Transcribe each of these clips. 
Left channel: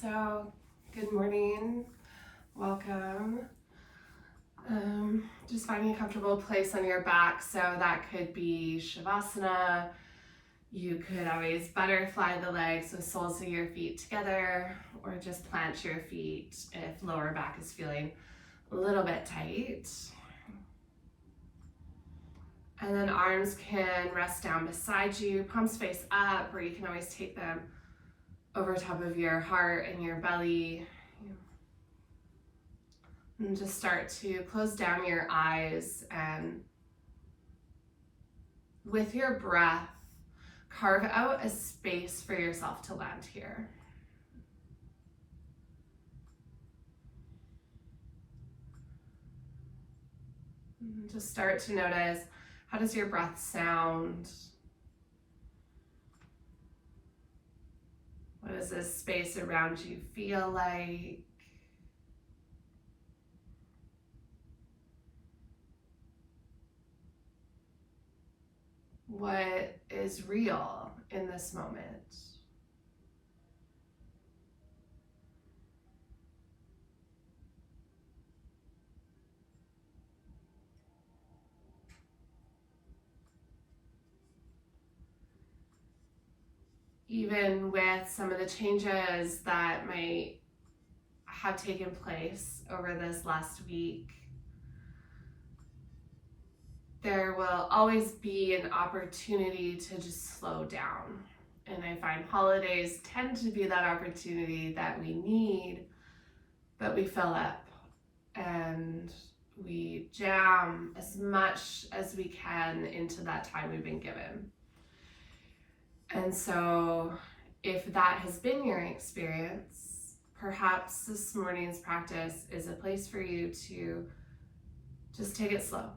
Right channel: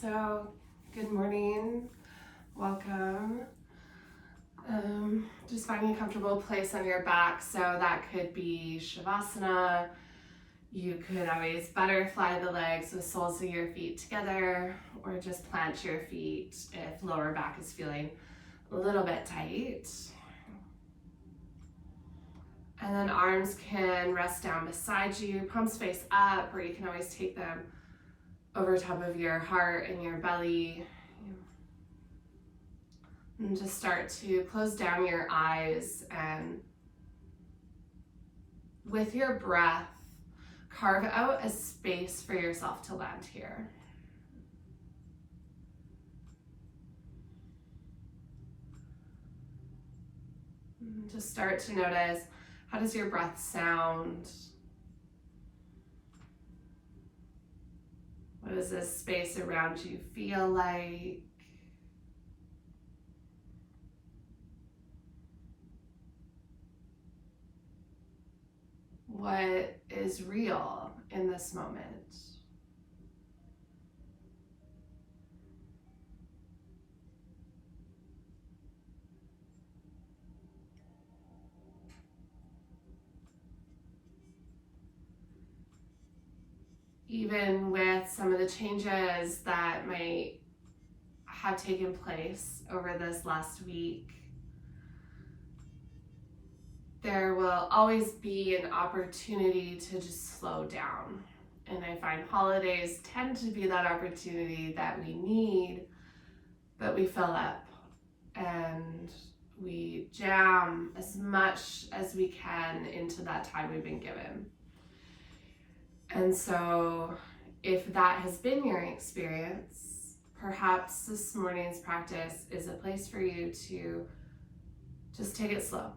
So, good morning, welcome. Just finding a comfortable place on your back. So that could be Shavasana. You could always butterfly the legs with soles of your feet together, or just plant your feet if lower back is feeling a little bit tight. And then arms can rest down beside you, palms face up, or you can always take them over top of your heart and your belly. And just start to close down your eyes, and with your breath, carve out a space for yourself to land here. And just start to notice, how does your breath sound? What does this space around you feel like? What is real in this moment? Even with some of the changes that might have taken place over this last week, there will always be an opportunity to just slow down. And I find holidays tend to be that opportunity that we need, but we fill up and we jam as much as we can into that time we've been given. And so if that has been your experience, perhaps this morning's practice is a place for you to just take it slow,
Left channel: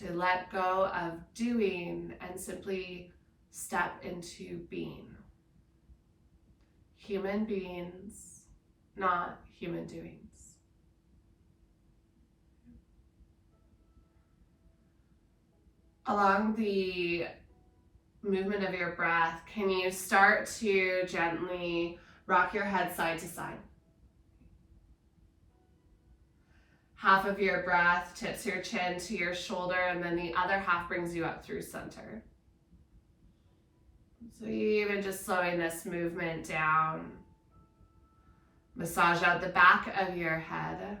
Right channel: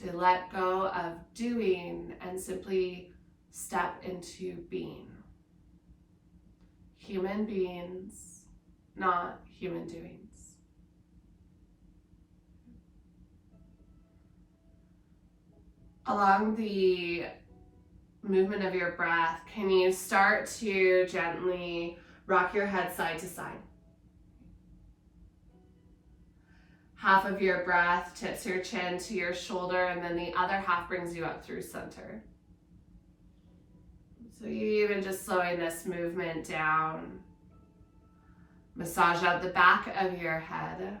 to let go of doing and simply step into being. Human beings, not human doings. Along the movement of your breath, can you start to gently rock your head side to side? Half of your breath tips your chin to your shoulder, and then the other half brings you up through center. So even just slowing this movement down, massage out the back of your head.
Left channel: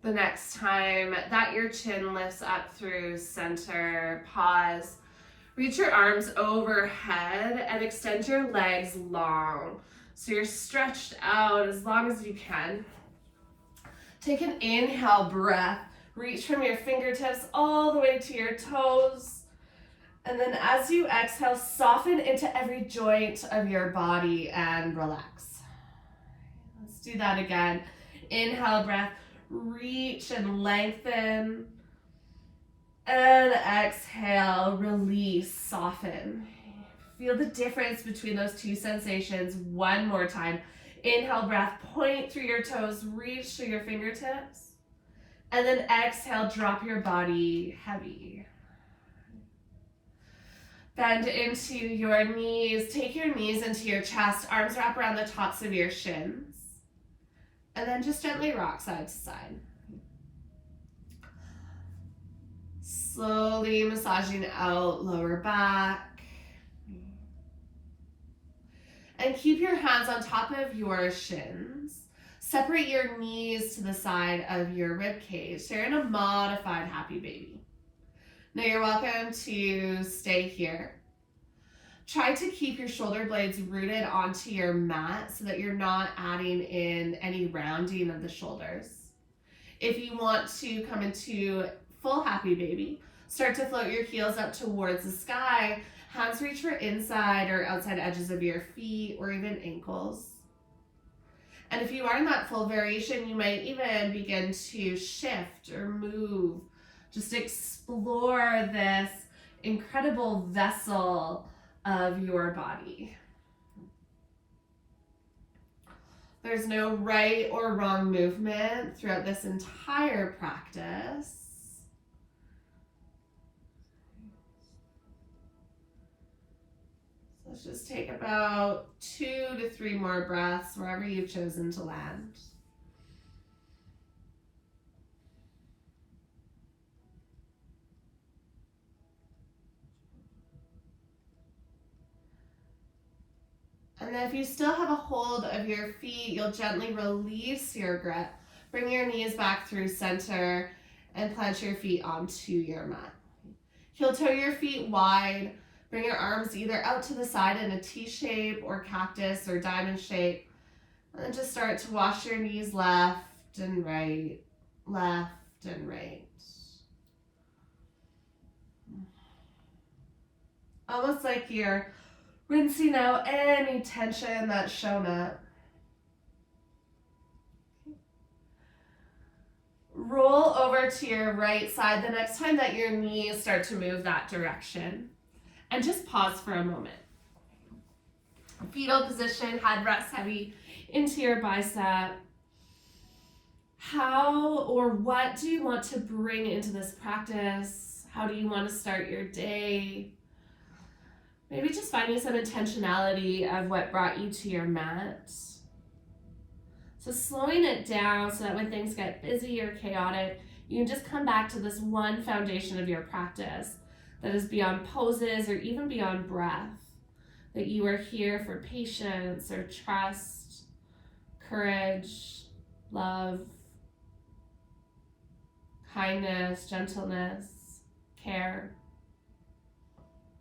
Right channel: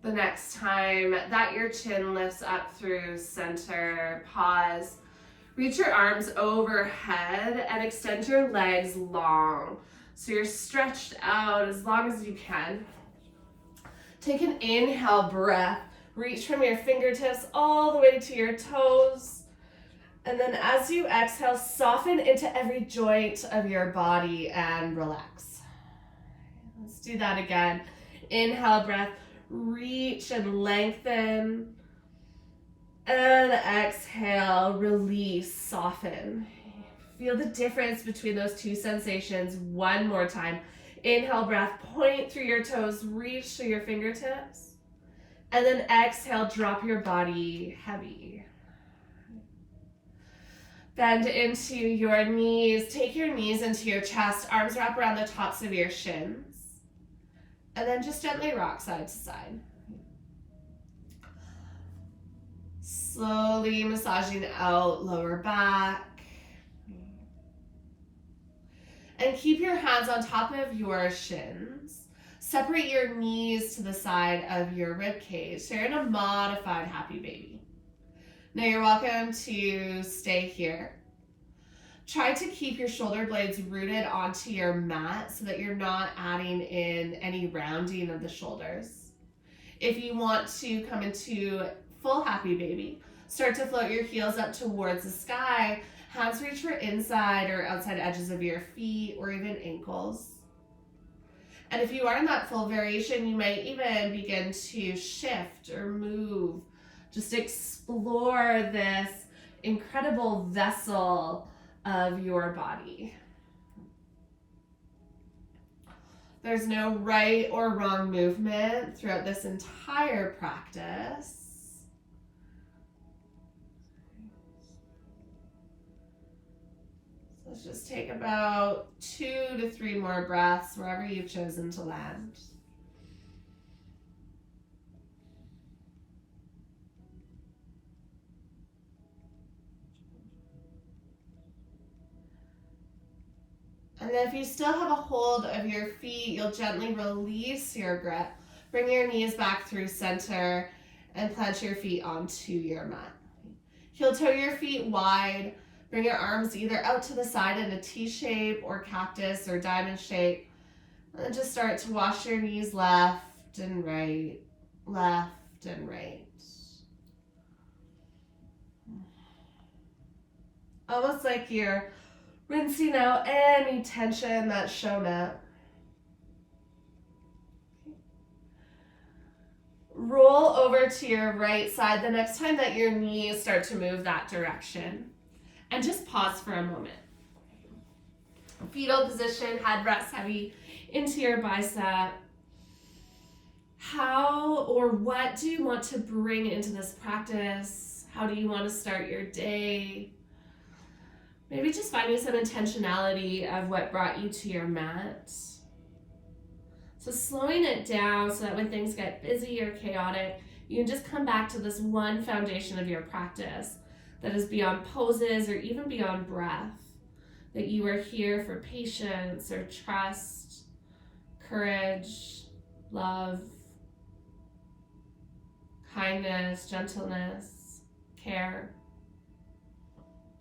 The next time that your chin lifts up through center, pause. Reach your arms overhead and extend your legs long. So you're stretched out as long as you can. Take an inhale breath. Reach from your fingertips all the way to your toes. And then as you exhale, soften into every joint of your body and relax. Let's do that again. Inhale breath. Reach and lengthen. And exhale, release, soften. Feel the difference between those two sensations one more time. Inhale breath, point through your toes, reach through your fingertips. And then exhale, drop your body heavy. Bend into your knees, take your knees into your chest, arms wrap around the tops of your shins. And then just gently rock side to side. Slowly massaging out lower back. And keep your hands on top of your shins. Separate your knees to the side of your rib cage. So you're in a modified happy baby. Now you're welcome to stay here. Try to keep your shoulder blades rooted onto your mat so that you're not adding in any rounding of the shoulders. If you want to come into full happy baby, start to float your heels up towards the sky. Hands reach for inside or outside edges of your feet or even ankles. And if you are in that full variation, you might even begin to shift or move. Just explore this incredible vessel of your body. There's no right or wrong movement throughout this entire practice. Let's just take about 2 to 3 more breaths wherever you've chosen to land. And then if you still have a hold of your feet, you'll gently release your grip. Bring your knees back through center and plant your feet onto your mat. Heel toe your feet wide. Bring your arms either out to the side in a T shape or cactus or diamond shape. And then just start to wash your knees left and right, left and right. Almost like you're rinsing out any tension that's shown up. Roll over to your right side the next time that your knees start to move that direction. And just pause for a moment. Fetal position, head rests heavy into your bicep. How or what do you want to bring into this practice? How do you want to start your day? Maybe just finding some intentionality of what brought you to your mat. So slowing it down so that when things get busy or chaotic, you can just come back to this one foundation of your practice that is beyond poses or even beyond breath. That you are here for patience or trust, courage, love, kindness, gentleness, care.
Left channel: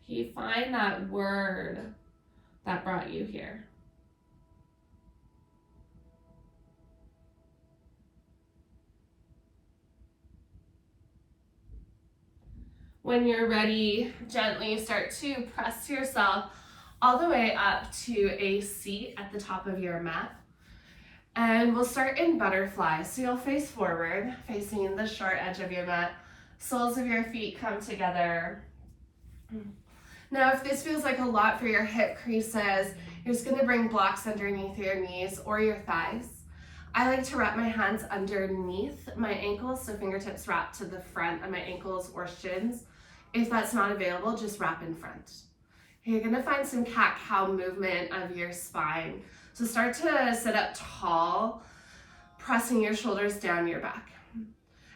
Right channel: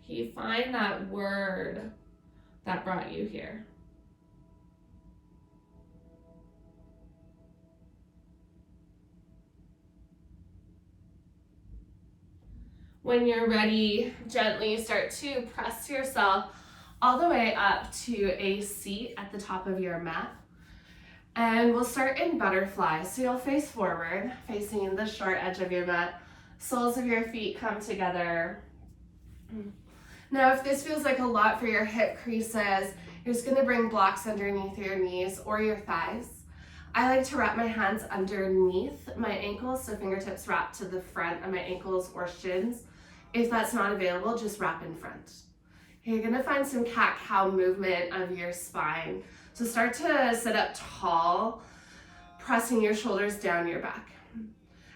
Can you find that word that brought you here? When you're ready, gently start to press yourself all the way up to a seat at the top of your mat. And we'll start in butterfly. So you'll face forward, facing the short edge of your mat. Soles of your feet come together. Now, if this feels like a lot for your hip creases, you're just gonna bring blocks underneath your knees or your thighs. I like to wrap my hands underneath my ankles, so fingertips wrap to the front of my ankles or shins. If that's not available, just wrap in front. You're gonna find some cat-cow movement of your spine. So start to sit up tall, pressing your shoulders down your back.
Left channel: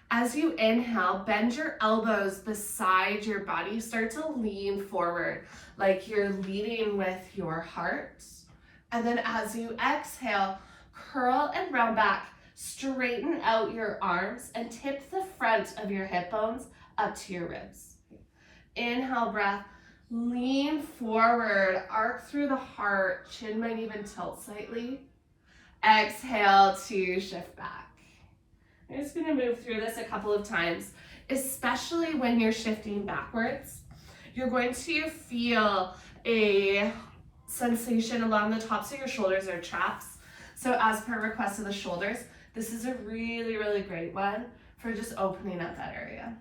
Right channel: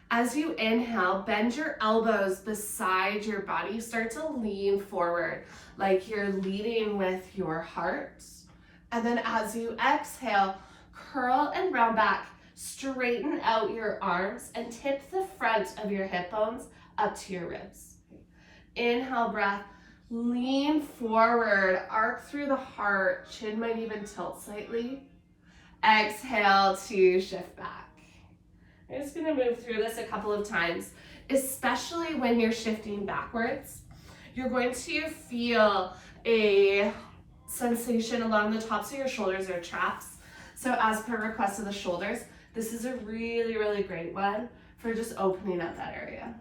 As you inhale, bend your elbows beside your body. Start to lean forward like you're leading with your heart. And then as you exhale, curl and round back, straighten out your arms and tip the front of your hip bones up to your ribs. Inhale, breath, lean forward, arc through the heart, chin might even tilt slightly. Exhale to shift back. I'm just gonna move through this a couple of times, especially when you're shifting backwards. You're going to feel a sensation along the tops of your shoulders or traps. So as per request of the shoulders, this is a really, really great one for just opening up that area.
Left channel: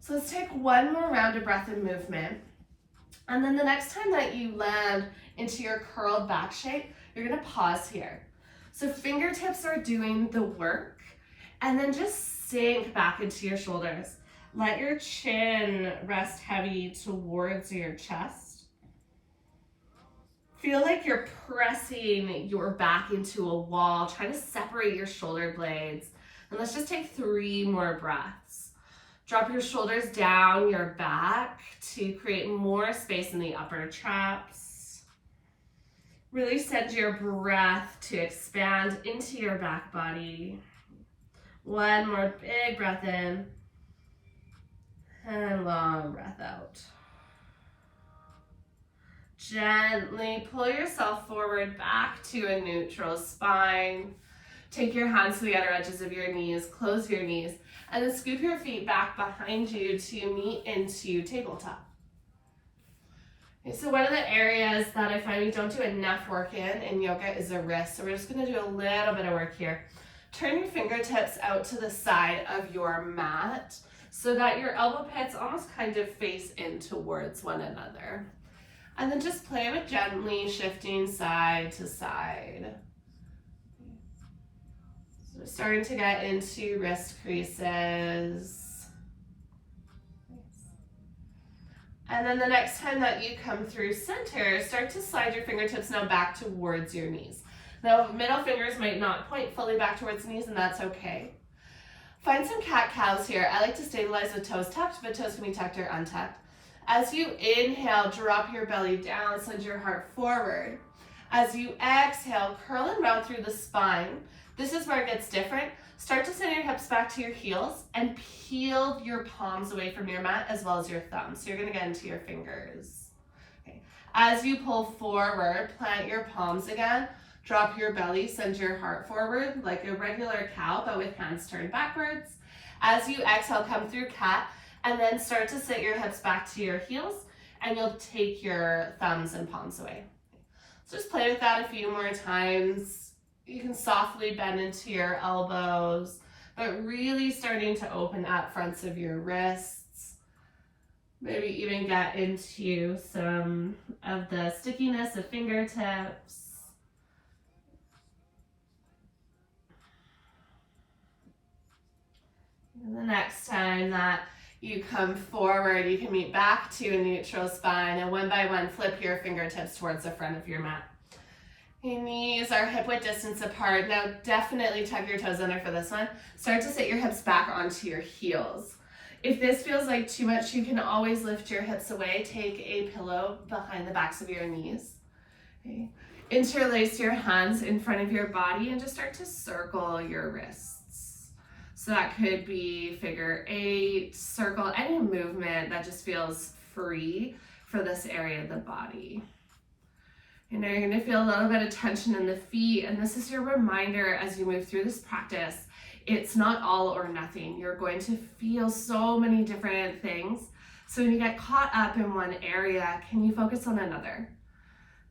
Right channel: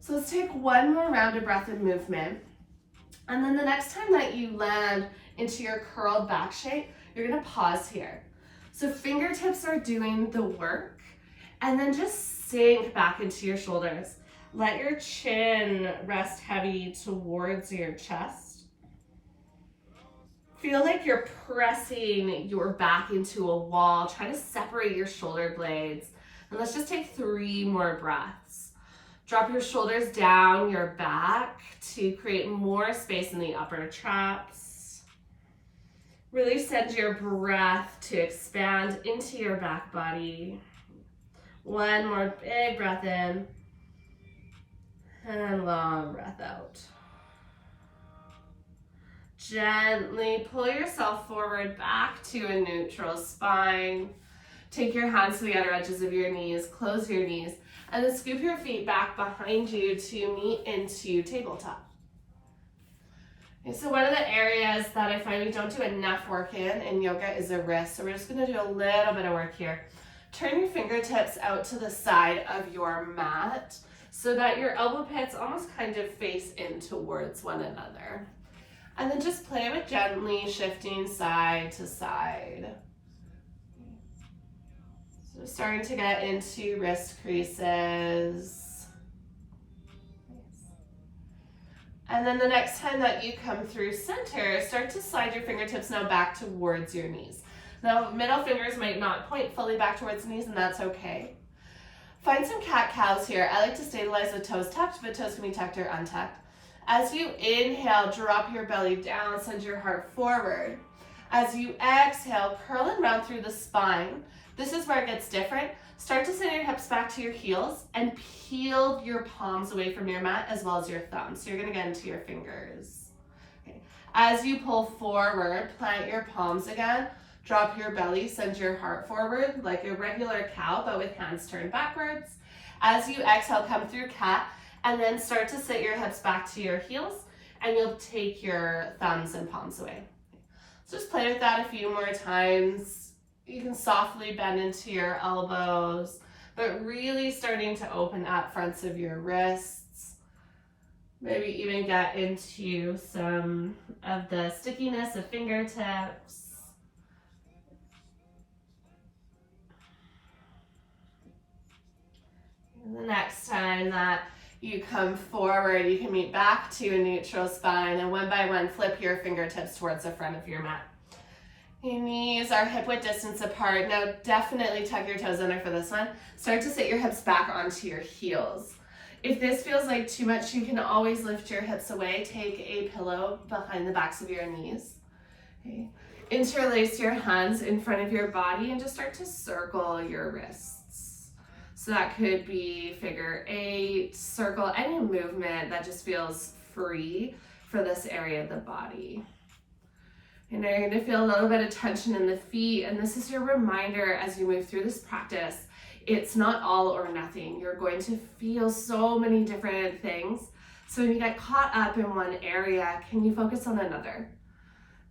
So let's take one more round of breath and movement. And then the next time that you land into your curled back shape, you're gonna pause here. So fingertips are doing the work, and then just sink back into your shoulders. Let your chin rest heavy towards your chest. Feel like you're pressing your back into a wall, trying to separate your shoulder blades. And let's just take 3 more breaths. Drop your shoulders down your back to create more space in the upper traps. Really send your breath to expand into your back body. One more big breath in and long breath out. Gently pull yourself forward back to a neutral spine. Take your hands to the outer edges of your knees, close your knees, and then scoop your feet back behind you to meet into tabletop. Okay, so one of the areas that I find we don't do enough work in yoga is the wrist. So we're just gonna do a little bit of work here. Turn your fingertips out to the side of your mat so that your elbow pits almost kind of face in towards one another. And then just play with gently shifting side to side. So starting to get into wrist creases. And then the next time that you come through center, start to slide your fingertips now back towards your knees. Now, middle fingers might not point fully back towards the knees, and that's okay. Find some cat-cows here. I like to stabilize with toes tucked, but toes can be tucked or untucked. As you inhale, drop your belly down, send your heart forward. As you exhale, curl and round through the spine. This is where it gets different. Start to send your hips back to your heels and peel your palms away from your mat as well as your thumbs. So you're gonna get into your fingers. Okay. As you pull forward, plant your palms again. Drop your belly, send your heart forward like a regular cow, but with hands turned backwards. As you exhale, come through cat, and then start to sit your hips back to your heels, and you'll take your thumbs and palms away. So just play with that a few more times. You can softly bend into your elbows, but really starting to open up fronts of your wrists. Maybe even get into some of the stickiness of fingertips. And the next time that you come forward, you can meet back to a neutral spine, and one by one, flip your fingertips towards the front of your mat. Your knees are hip width distance apart. Now definitely tuck your toes under for this one. Start to sit your hips back onto your heels. If this feels like too much, you can always lift your hips away. Take a pillow behind the backs of your knees. Okay. Interlace your hands in front of your body and just start to circle your wrists. So that could be figure eight, circle, any movement that just feels free for this area of the body. And now you're going to feel a little bit of tension in the feet, and this is your reminder as you move through this practice. It's not all or nothing. You're going to feel so many different things. So when you get caught up in one area, can you focus on another?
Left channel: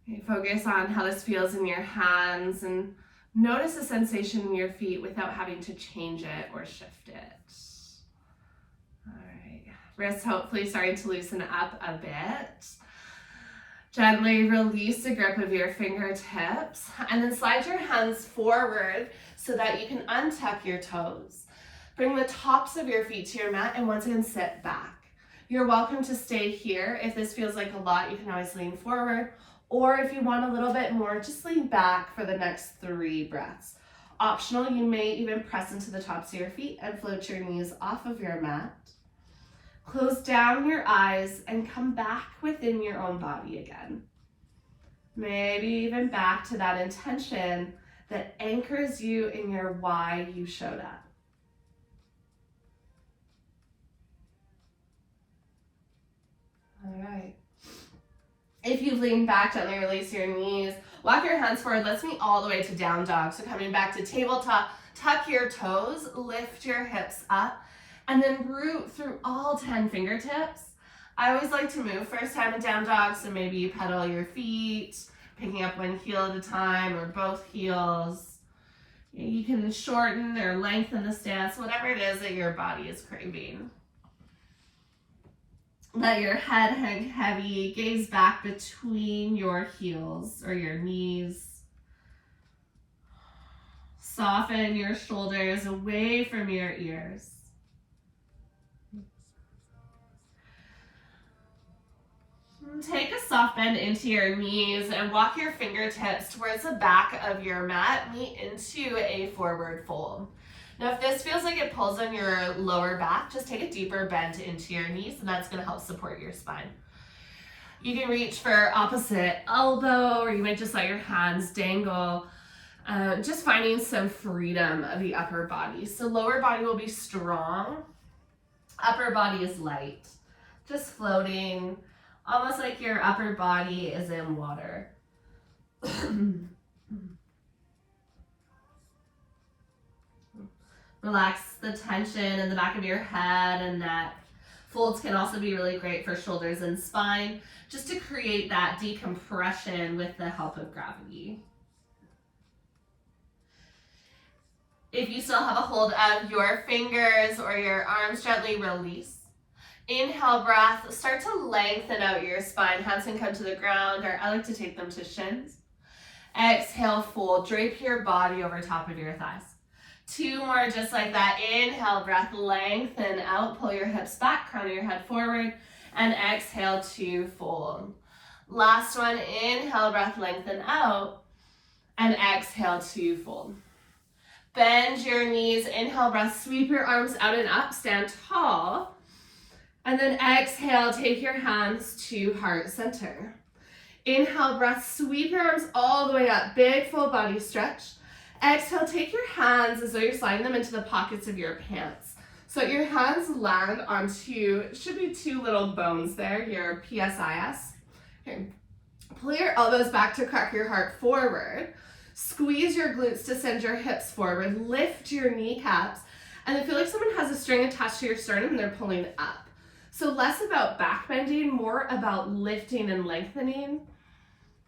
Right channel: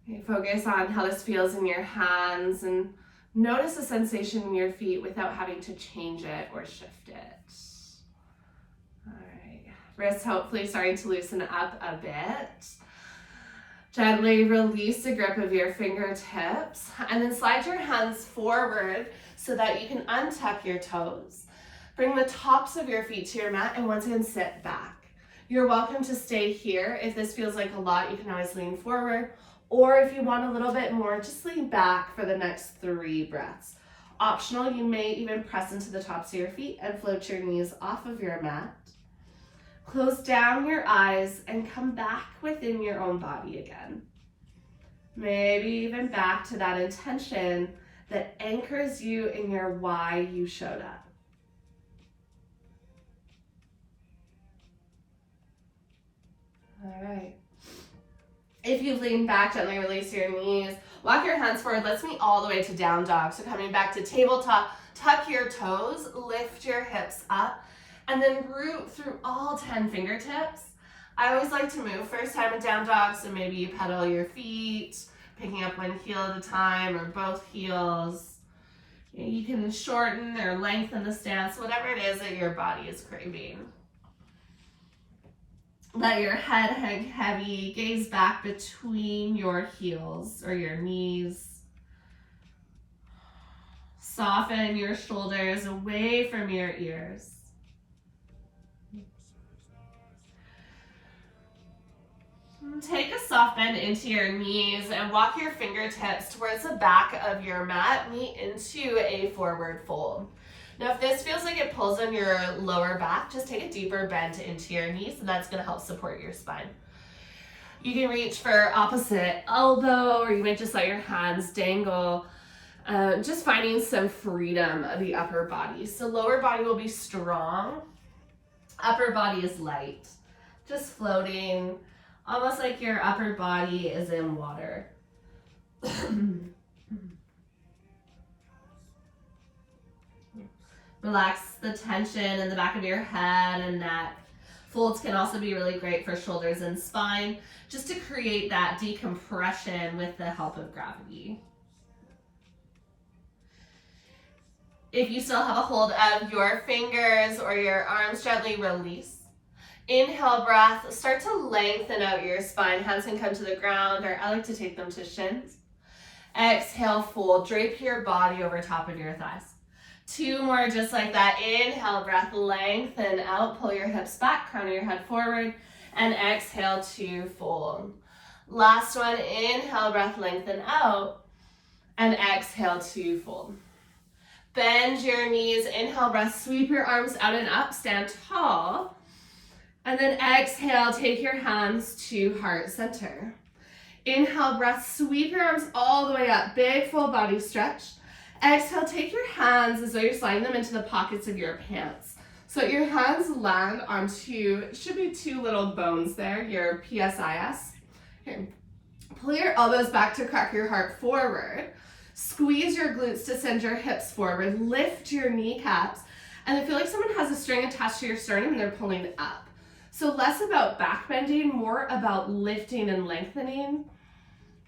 Okay, focus on how this feels in your hands and notice the sensation in your feet without having to change it or shift it. All right, wrists hopefully starting to loosen up a bit. Gently release the grip of your fingertips and then slide your hands forward so that you can untuck your toes. Bring the tops of your feet to your mat and once again sit back. You're welcome to stay here. If this feels like a lot, you can always lean forward, or if you want a little bit more, just lean back for the next 3 breaths. Optional, you may even press into the tops of your feet and float your knees off of your mat. Close down your eyes and come back within your own body again. Maybe even back to that intention that anchors you in your why you showed up. All right. If you lean back, gently release your knees. Walk your hands forward. Let's meet all the way to down dog. So coming back to tabletop, tuck your toes, lift your hips up, and then root through all 10 fingertips. I always like to move first time in down dog, so maybe you pedal your feet, picking up one heel at a time or both heels. You can shorten or lengthen the stance, whatever it is that your body is craving. Let your head hang heavy, gaze back between your heels or your knees. Soften your shoulders away from your ears. Take a soft bend into your knees and walk your fingertips towards the back of your mat. Meet into a forward fold. Now, if this feels like it pulls on your lower back, just take a deeper bend into your knees, and that's going to help support your spine. You can reach for opposite elbow, or you might just let your hands dangle, just finding some freedom of the upper body. So lower body will be strong, upper body is light, just floating, almost like your upper body is in water. Relax the tension in the back of your head and neck. Folds can also be really great for shoulders and spine, just to create that decompression with the help of gravity. If you still have a hold of your fingers or your arms, gently release. Inhale, breath, start to lengthen out your spine. Hands can come to the ground, or I like to take them to shins. Exhale, fold, drape your body over top of your thighs. 2 more just like that. Inhale, breath, lengthen out, pull your hips back, crown your head forward. And exhale to fold. Last one, inhale, breath, lengthen out. And exhale to fold. Bend your knees, inhale, breath, sweep your arms out and up, stand tall. And then exhale, take your hands to heart center. Inhale, breath, sweep your arms all the way up, big full body stretch. Exhale, take your hands as though you're sliding them into the pockets of your pants. So your hands land onto, should be two little bones there, your PSIS. Okay. Pull your elbows back to crack your heart forward. Squeeze your glutes to send your hips forward. Lift your kneecaps. And I feel like someone has a string attached to your sternum and they're pulling up. So less about back bending, more about lifting and lengthening.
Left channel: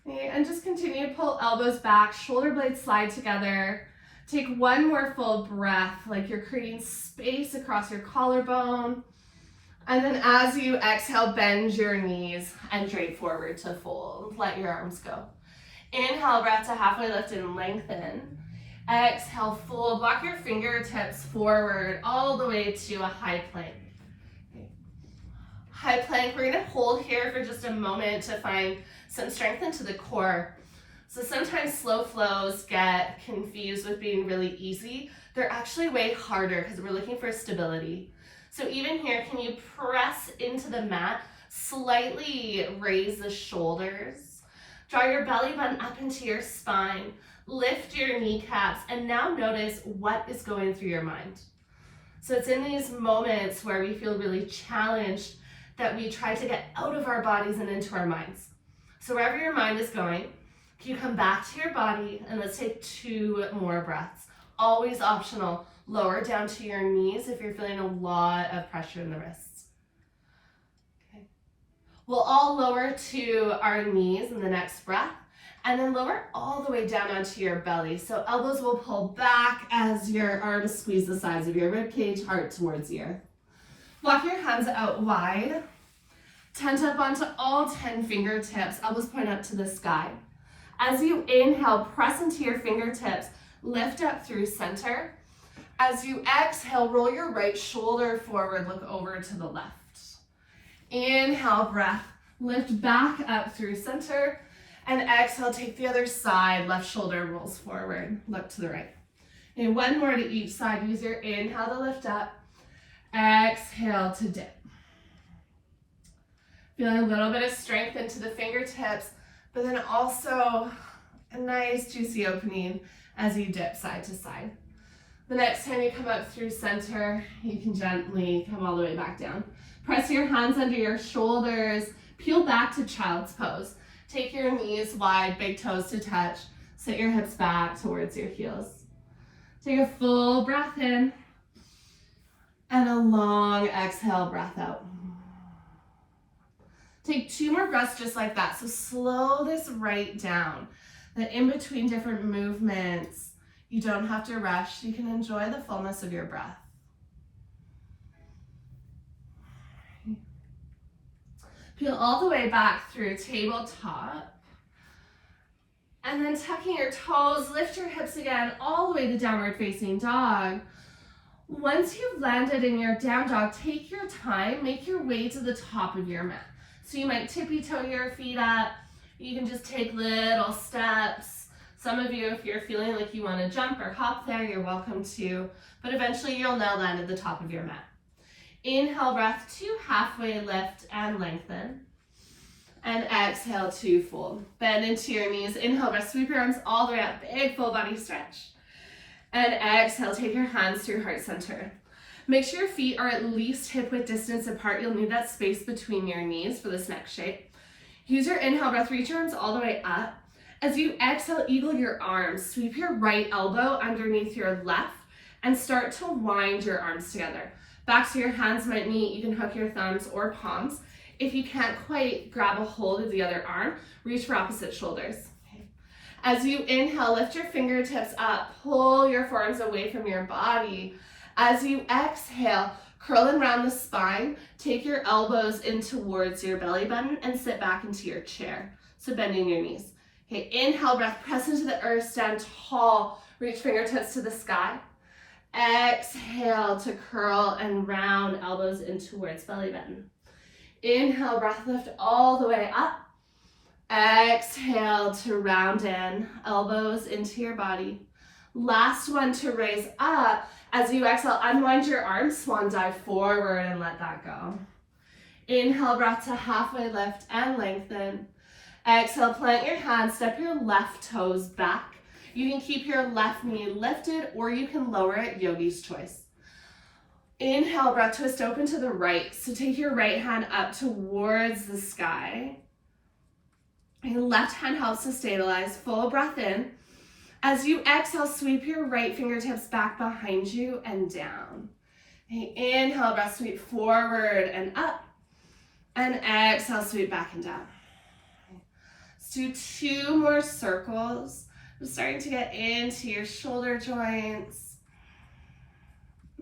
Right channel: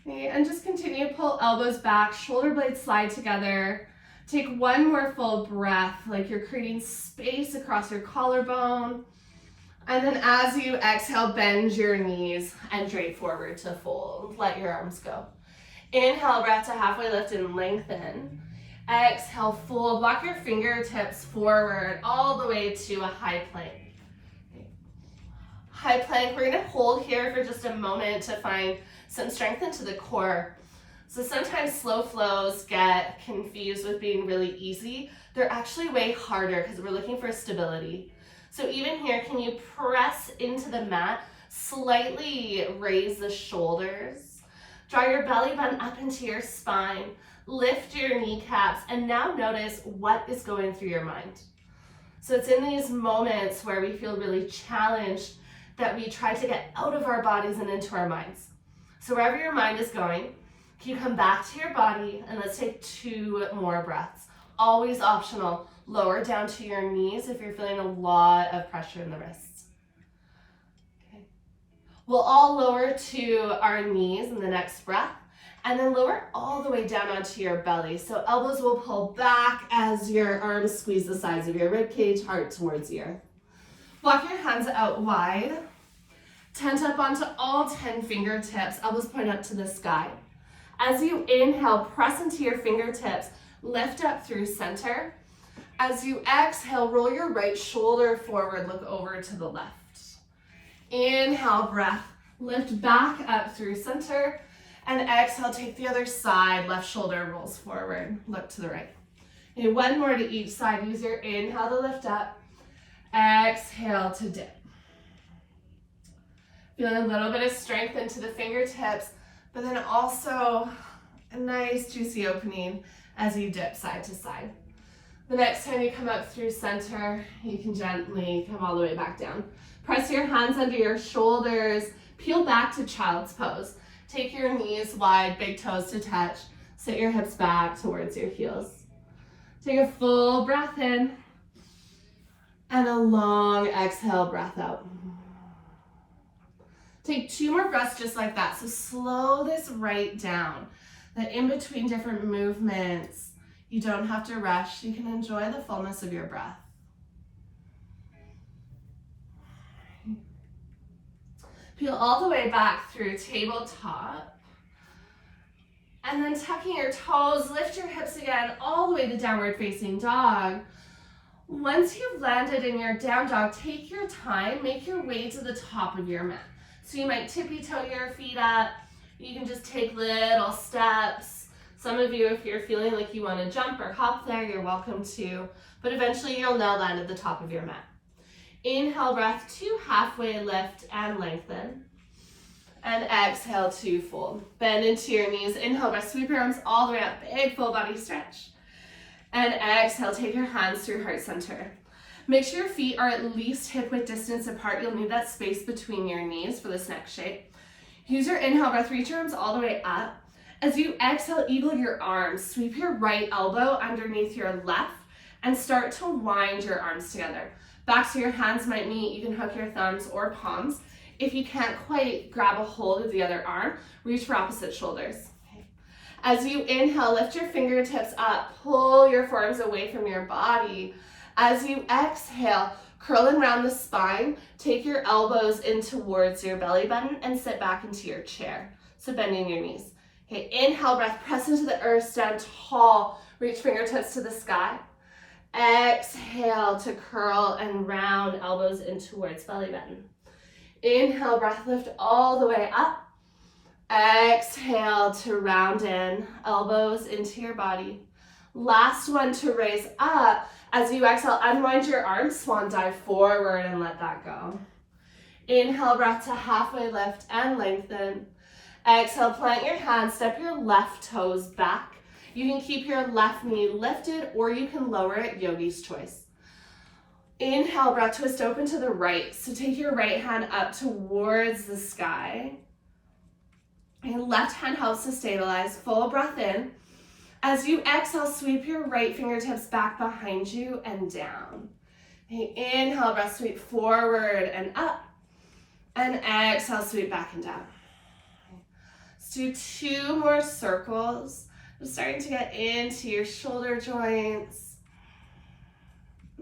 Okay, and just continue to pull elbows back, shoulder blades slide together. Take one more full breath, like you're creating space across your collarbone. And then as you exhale, bend your knees and drape forward to fold. Let your arms go. Inhale, breath to halfway lift and lengthen. Exhale, fold. Walk your fingertips forward all the way to a high plank. Okay. High plank, we're gonna hold here for just a moment to find some strength into the core. So sometimes slow flows get confused with being really easy. They're actually way harder because we're looking for stability. So even here, can you press into the mat, slightly raise the shoulders, draw your belly button up into your spine, lift your kneecaps, and now notice what is going through your mind. So it's in these moments where we feel really challenged that we try to get out of our bodies and into our minds. So wherever your mind is going, can you come back to your body and let's take 2 more breaths. Always optional. Lower down to your knees if you're feeling a lot of pressure in the wrists. Okay. We'll all lower to our knees in the next breath and then lower all the way down onto your belly. So elbows will pull back as your arms squeeze the sides of your rib cage, heart towards the earth. Walk your hands out wide. Tent up onto all 10 fingertips. Elbows point up to the sky. As you inhale, press into your fingertips. Lift up through center. As you exhale, roll your right shoulder forward, look over to the left. Inhale, breath, lift back up through center, and exhale, take the other side, left shoulder rolls forward, look to the right. And one more to each side, use your inhale to lift up, exhale to dip. Feeling a little bit of strength into the fingertips, but then also a nice juicy opening as you dip side to side. The next time you come up through center, you can gently come all the way back down. Press your hands under your shoulders, peel back to child's pose. Take your knees wide, big toes to touch. Sit your hips back towards your heels. Take a full breath in and a long exhale, breath out. Take 2 more breaths just like that. So slow this right down. That in between different movements, you don't have to rush. You can enjoy the fullness of your breath. Peel all the way back through tabletop. And then tucking your toes, lift your hips again all the way to downward facing dog. Once you've landed in your down dog, take your time, make your way to the top of your mat. So you might tippy toe your feet up. You can just take little steps. Some of you, if you're feeling like you want to jump or hop there, you're welcome to, but eventually you'll now land at the top of your mat. Inhale, breath to halfway lift and lengthen. And exhale to fold. Bend into your knees. Inhale, breath, sweep your arms all the way up, big full body stretch. And exhale, take your hands through heart center. Make sure your feet are at least hip width distance apart. You'll need that space between your knees for this next shape. Use your inhale breath, reach your arms all the way up. As you exhale, eagle your arms. Sweep your right elbow underneath your left and start to wind your arms together. Backs of your hands might meet. You can hook your thumbs or palms. If you can't quite grab a hold of the other arm, reach for opposite shoulders. Okay. As you inhale, lift your fingertips up. Pull your forearms away from your body. As you exhale, curl and round the spine. Take your elbows in towards your belly button and sit back into your chair. So bending your knees. Okay, inhale, breath, press into the earth, stand tall. Reach fingertips to the sky. Exhale to curl and round, elbows in towards belly button. Inhale, breath lift all the way up. Exhale to round in, elbows into your body. Last one to raise up. As you exhale, unwind your arms, swan dive forward and let that go. Inhale, breath to halfway lift and lengthen. Exhale, plant your hands, step your left toes back. You can keep your left knee lifted or you can lower it, yogi's choice. Inhale, breath twist open to the right. So take your right hand up towards the sky. And left hand helps to stabilize. Full breath in. As you exhale, sweep your right fingertips back behind you and down. Okay, inhale, breath sweep forward and up. And exhale, sweep back and down. Let's do 2 more circles. Just starting to get into your shoulder joints.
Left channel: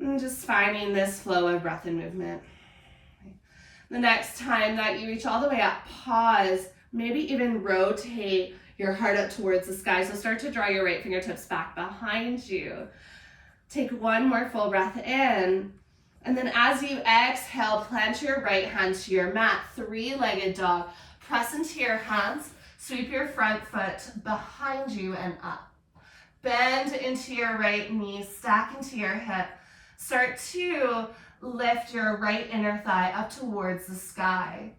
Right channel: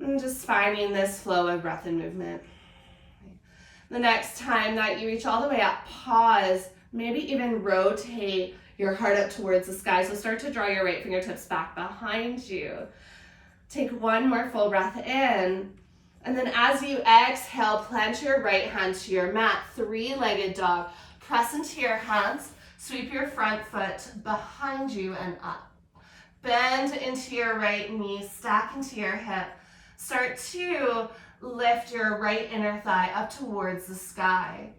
And just finding this flow of breath and movement. The next time that you reach all the way up, pause. Maybe even rotate your heart up towards the sky. So start to draw your right fingertips back behind you. Take 1 more full breath in. And then as you exhale, plant your right hand to your mat, 3-legged dog. Press into your hands, sweep your front foot behind you and up. Bend into your right knee, stack into your hip. Start to lift your right inner thigh up towards the sky.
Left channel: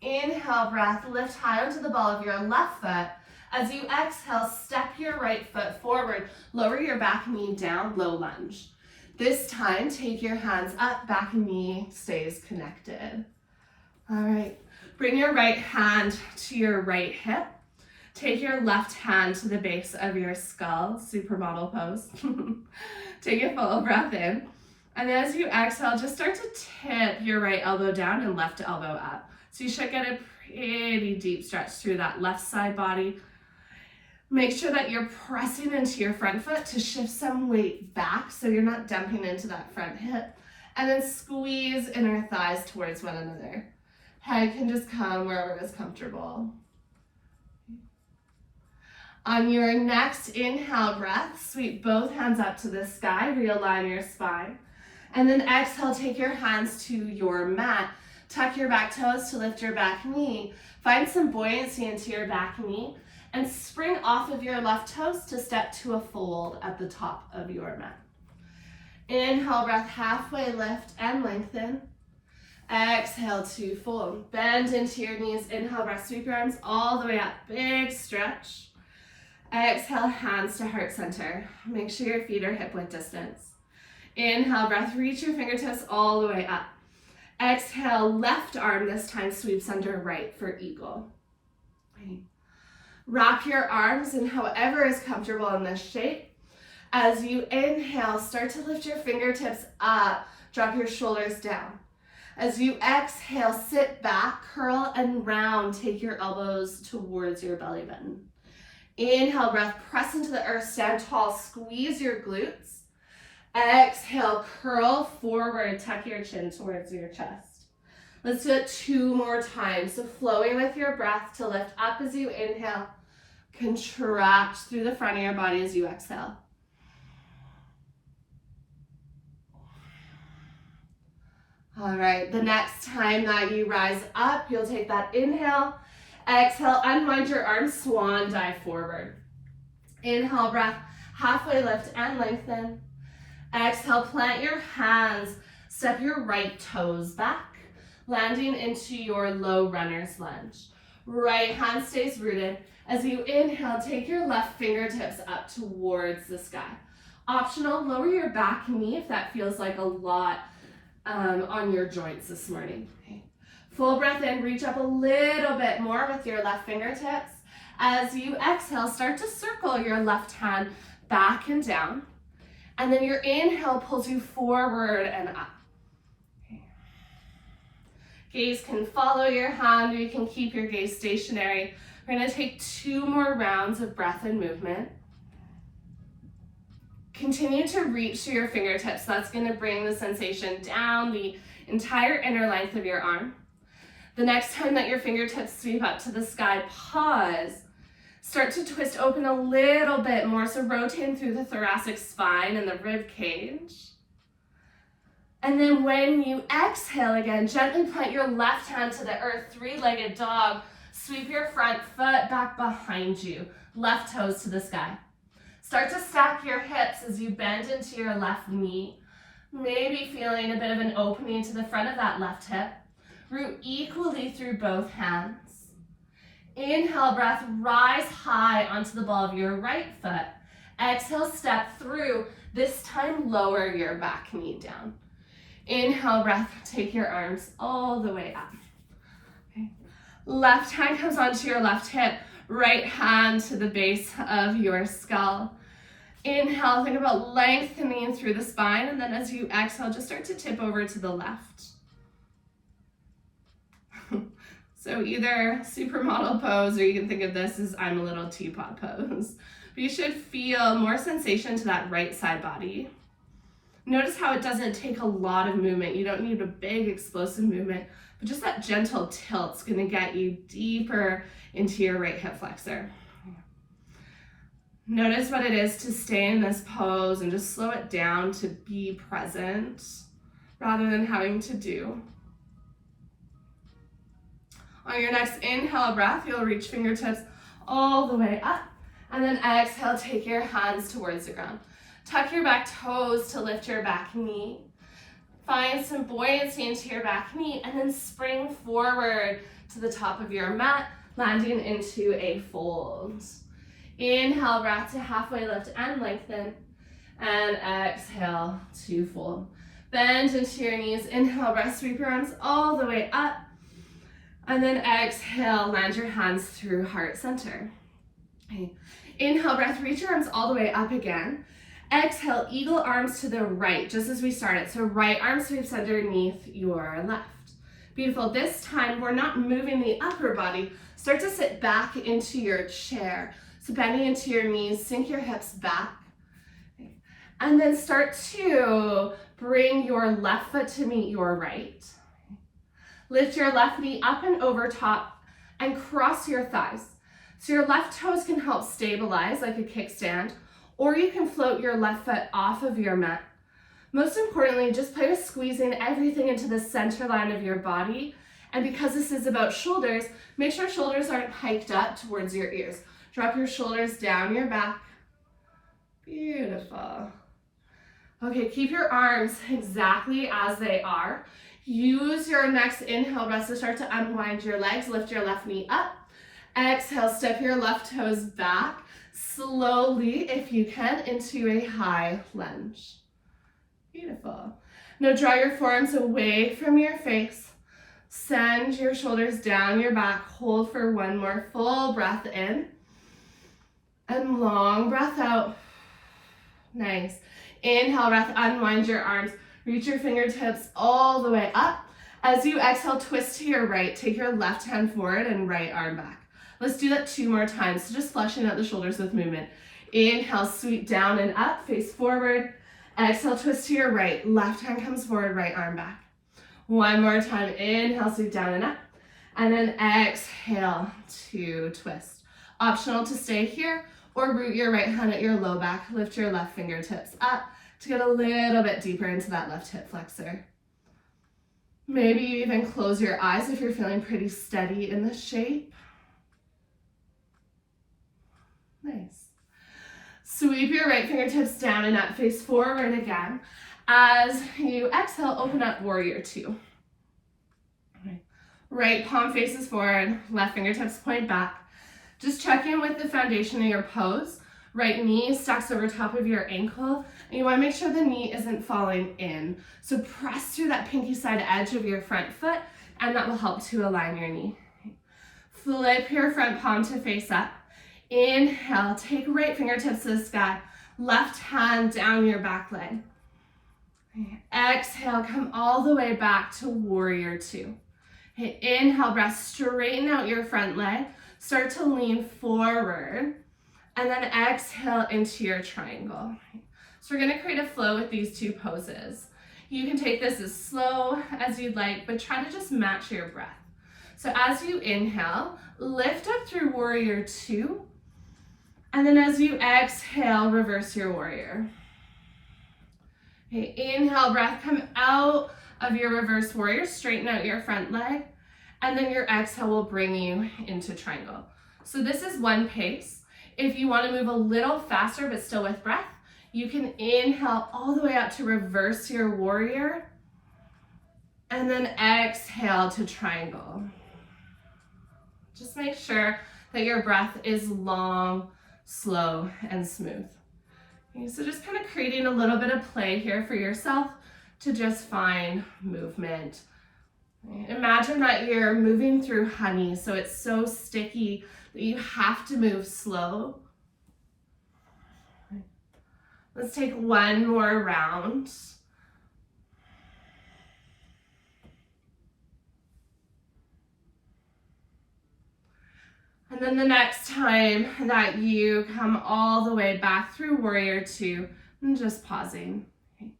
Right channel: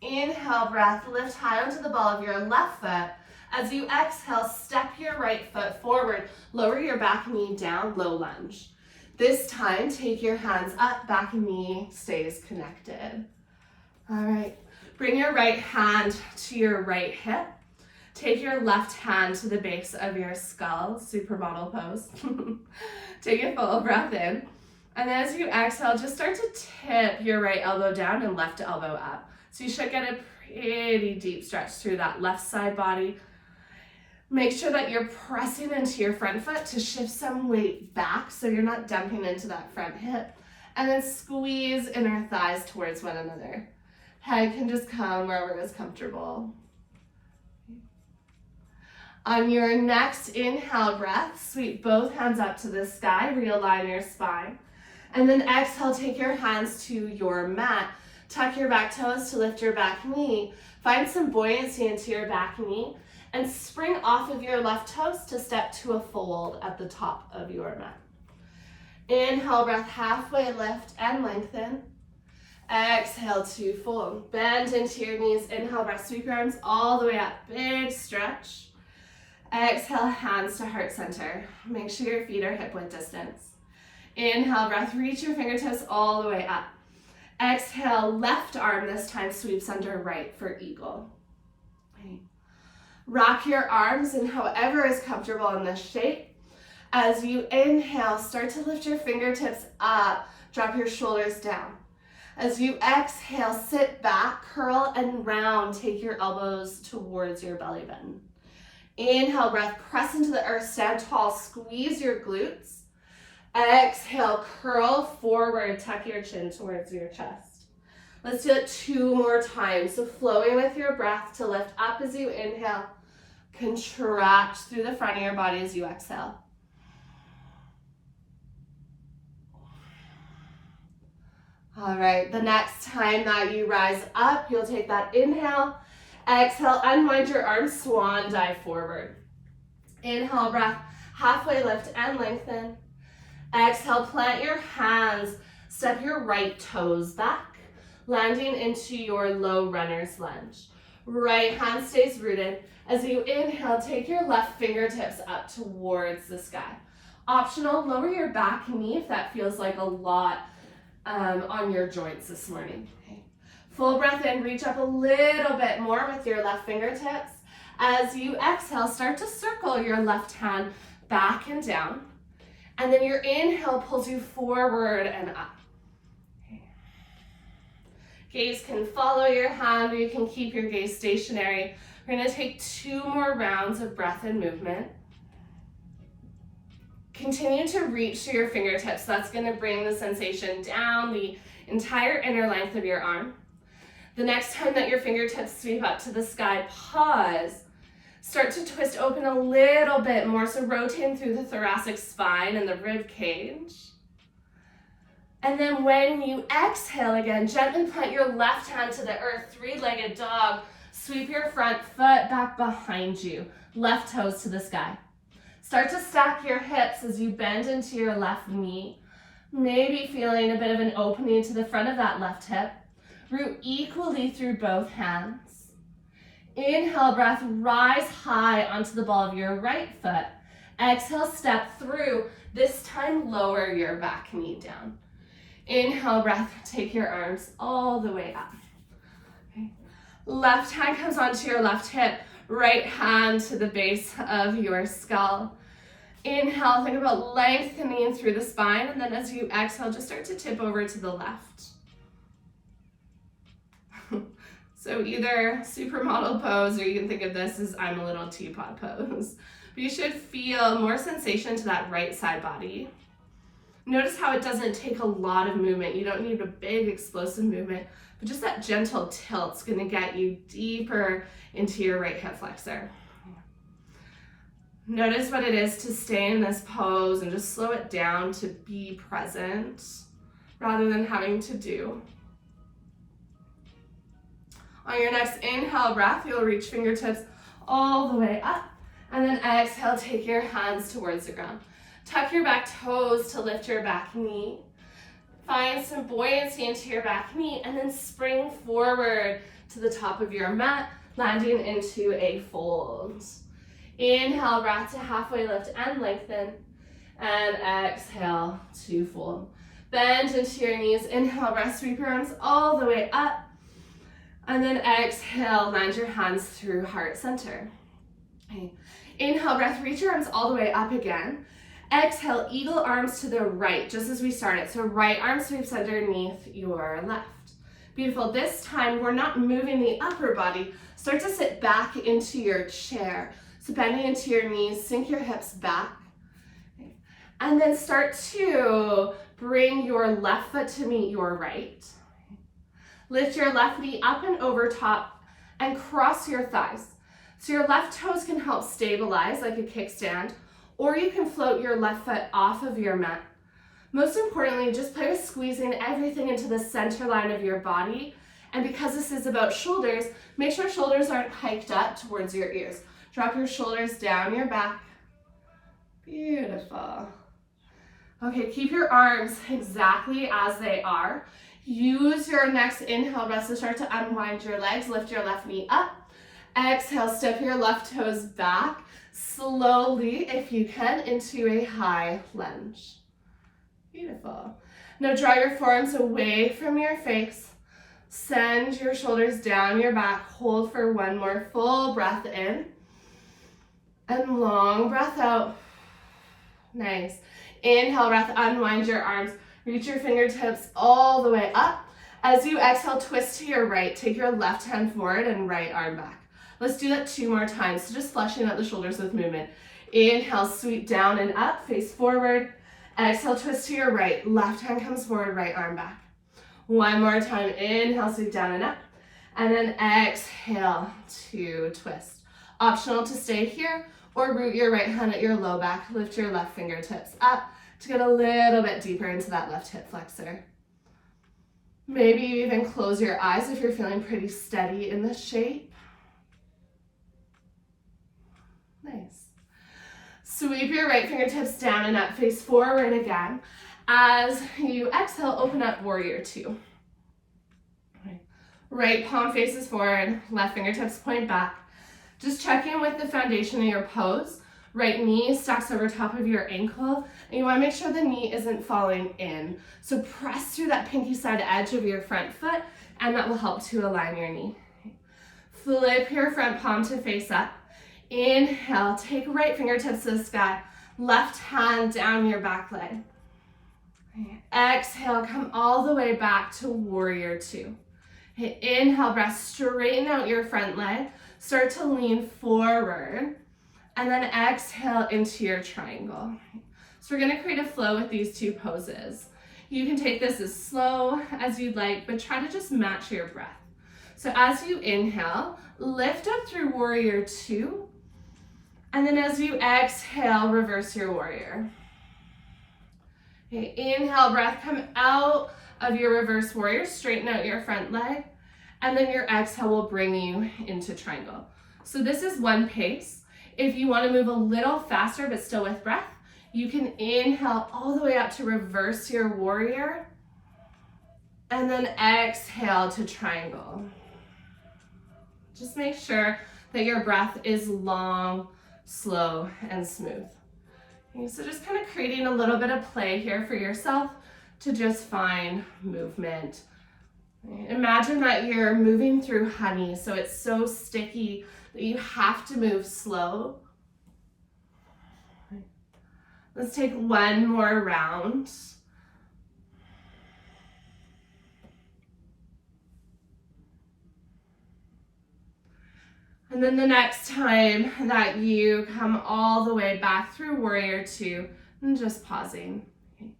Inhale, breath, lift high onto the ball of your left foot. As you exhale, step your right foot forward, lower your back knee down, low lunge. This time, take your hands up, back knee stays connected. All right, bring your right hand to your right hip. Take your left hand to the base of your skull, supermodel pose. Take a full breath in. And as you exhale, just start to tip your right elbow down and left elbow up. So you should get a pretty deep stretch through that left side body. Make sure that you're pressing into your front foot to shift some weight back so you're not dumping into that front hip. And then squeeze inner thighs towards one another. Head can just come wherever is comfortable. On your next inhale breath, sweep both hands up to the sky, realign your spine. And then exhale, take your hands to your mat. Tuck your back toes to lift your back knee. Find some buoyancy into your back knee and spring off of your left toes to step to a fold at the top of your mat. Inhale, breath, halfway lift and lengthen. Exhale to fold. Bend into your knees. Inhale, breath, sweep your arms all the way up. Big stretch. Exhale, hands to heart center. Make sure your feet are hip width distance. Inhale, breath, reach your fingertips all the way up. Exhale, left arm this time sweeps under right for eagle. Okay. Wrap your arms in however is comfortable in this shape. As you inhale, start to lift your fingertips up, drop your shoulders down. As you exhale, sit back, curl and round, take your elbows towards your belly button. Inhale, breath, press into the earth, stand tall, squeeze your glutes. Exhale, curl forward, tuck your chin towards your chest. Let's do it 2 more times. So flowing with your breath to lift up as you inhale, contract through the front of your body as you exhale. All right, the next time that you rise up, you'll take that inhale, exhale, unwind your arms, swan dive forward. Inhale, breath, halfway lift and lengthen. Exhale, plant your hands, step your right toes back, landing into your low runner's lunge. Right hand stays rooted. As you inhale, take your left fingertips up towards the sky. Optional, lower your back knee if that feels like a lot on your joints this morning. Okay. Full breath in, reach up a little bit more with your left fingertips. As you exhale, start to circle your left hand back and down. And then your inhale pulls you forward and up. Okay. Gaze can follow your hand or you can keep your gaze stationary. We're gonna take 2 more rounds of breath and movement. Continue to reach through your fingertips. That's gonna bring the sensation down the entire inner length of your arm. The next time that your fingertips sweep up to the sky, pause. Start to twist open a little bit more, so rotating through the thoracic spine and the rib cage. And then when you exhale again, gently plant your left hand to the earth, three-legged dog. Sweep your front foot back behind you, left toes to the sky. Start to stack your hips as you bend into your left knee, maybe feeling a bit of an opening to the front of that left hip. Root equally through both hands. Inhale, breath, rise high onto the ball of your right foot. Exhale, step through. This time, lower your back knee down. Inhale, breath, take your arms all the way up. Okay. Left hand comes onto your left hip, right hand to the base of your skull. Inhale, think about lengthening through the spine, and then as you exhale, just start to tip over to the left. So either supermodel pose, or you can think of this as I'm a little teapot pose. But you should feel more sensation to that right side body. Notice how it doesn't take a lot of movement. You don't need a big explosive movement, but just that gentle tilt's gonna get you deeper into your right hip flexor. Notice what it is to stay in this pose and just slow it down to be present rather than having to do. On your next inhale breath, you'll reach fingertips all the way up, and then exhale, take your hands towards the ground. Tuck your back toes to lift your back knee. Find some buoyancy into your back knee, and then spring forward to the top of your mat, landing into a fold. Inhale, breath to halfway lift and lengthen, and exhale to fold. Bend into your knees, inhale, breath, sweep your arms all the way up, and then exhale, land your hands through heart center. Okay. Inhale, breath, reach your arms all the way up again. Exhale, eagle arms to the right, just as we started. So right arm sweeps underneath your left. Beautiful. This time, we're not moving the upper body. Start to sit back into your chair. So bending into your knees, sink your hips back. Okay. And then start to bring your left foot to meet your right. Lift your left knee up and over top and cross your thighs. So your left toes can help stabilize like a kickstand, or you can float your left foot off of your mat. Most importantly, just play with squeezing everything into the center line of your body. And because this is about shoulders, make sure shoulders aren't hiked up towards your ears. Drop your shoulders down your back. Beautiful. Okay, keep your arms exactly as they are. Use your next inhale breath to start to unwind your legs. Lift your left knee up. Exhale, step your left toes back. Slowly, if you can, into a high lunge. Beautiful. Now draw your forearms away from your face. Send your shoulders down your back. Hold for one more full breath in. And long breath out. Nice. Inhale, breath, unwind your arms. Reach your fingertips all the way up. As you exhale, twist to your right. Take your left hand forward and right arm back. Let's do that 2 more times. So just fleshing out the shoulders with movement. Inhale, sweep down and up, face forward. Exhale, twist to your right. Left hand comes forward, right arm back. One more time. Inhale, sweep down and up. And then exhale to twist. Optional to stay here or root your right hand at your low back. Lift your left fingertips up to get a little bit deeper into that left hip flexor. Maybe you even close your eyes if you're feeling pretty steady in this shape. Nice. Sweep your right fingertips down and up, face forward again. As you exhale, open up warrior 2. Okay. Right palm faces forward, left fingertips point back. Just check in with the foundation of your pose. Right knee stacks over top of your ankle, and you want to make sure the knee isn't falling in. So press through that pinky side edge of your front foot, and that will help to align your knee. Flip your front palm to face up. Inhale, take right fingertips to the sky. Left hand down your back leg. Exhale, come all the way back to warrior 2. Okay, inhale, breath, straighten out your front leg. Start to lean forward. And then exhale into your triangle. So we're gonna create a flow with these 2 poses. You can take this as slow as you'd like, but try to just match your breath. So as you inhale, lift up through warrior 2. And then as you exhale, reverse your warrior. Okay, inhale, breath, come out of your reverse warrior, straighten out your front leg, and then your exhale will bring you into triangle. So this is one pace. If you want to move a little faster but still with breath, you can inhale all the way up to reverse your warrior, and then exhale to triangle. Just make sure that your breath is long, slow, and smooth. Okay, so just kind of creating a little bit of play here for yourself to just find movement. Imagine that you're moving through honey, so it's so sticky that you have to move slow. Let's take one more round. And then the next time that you come all the way back through warrior two, and just pausing. Okay.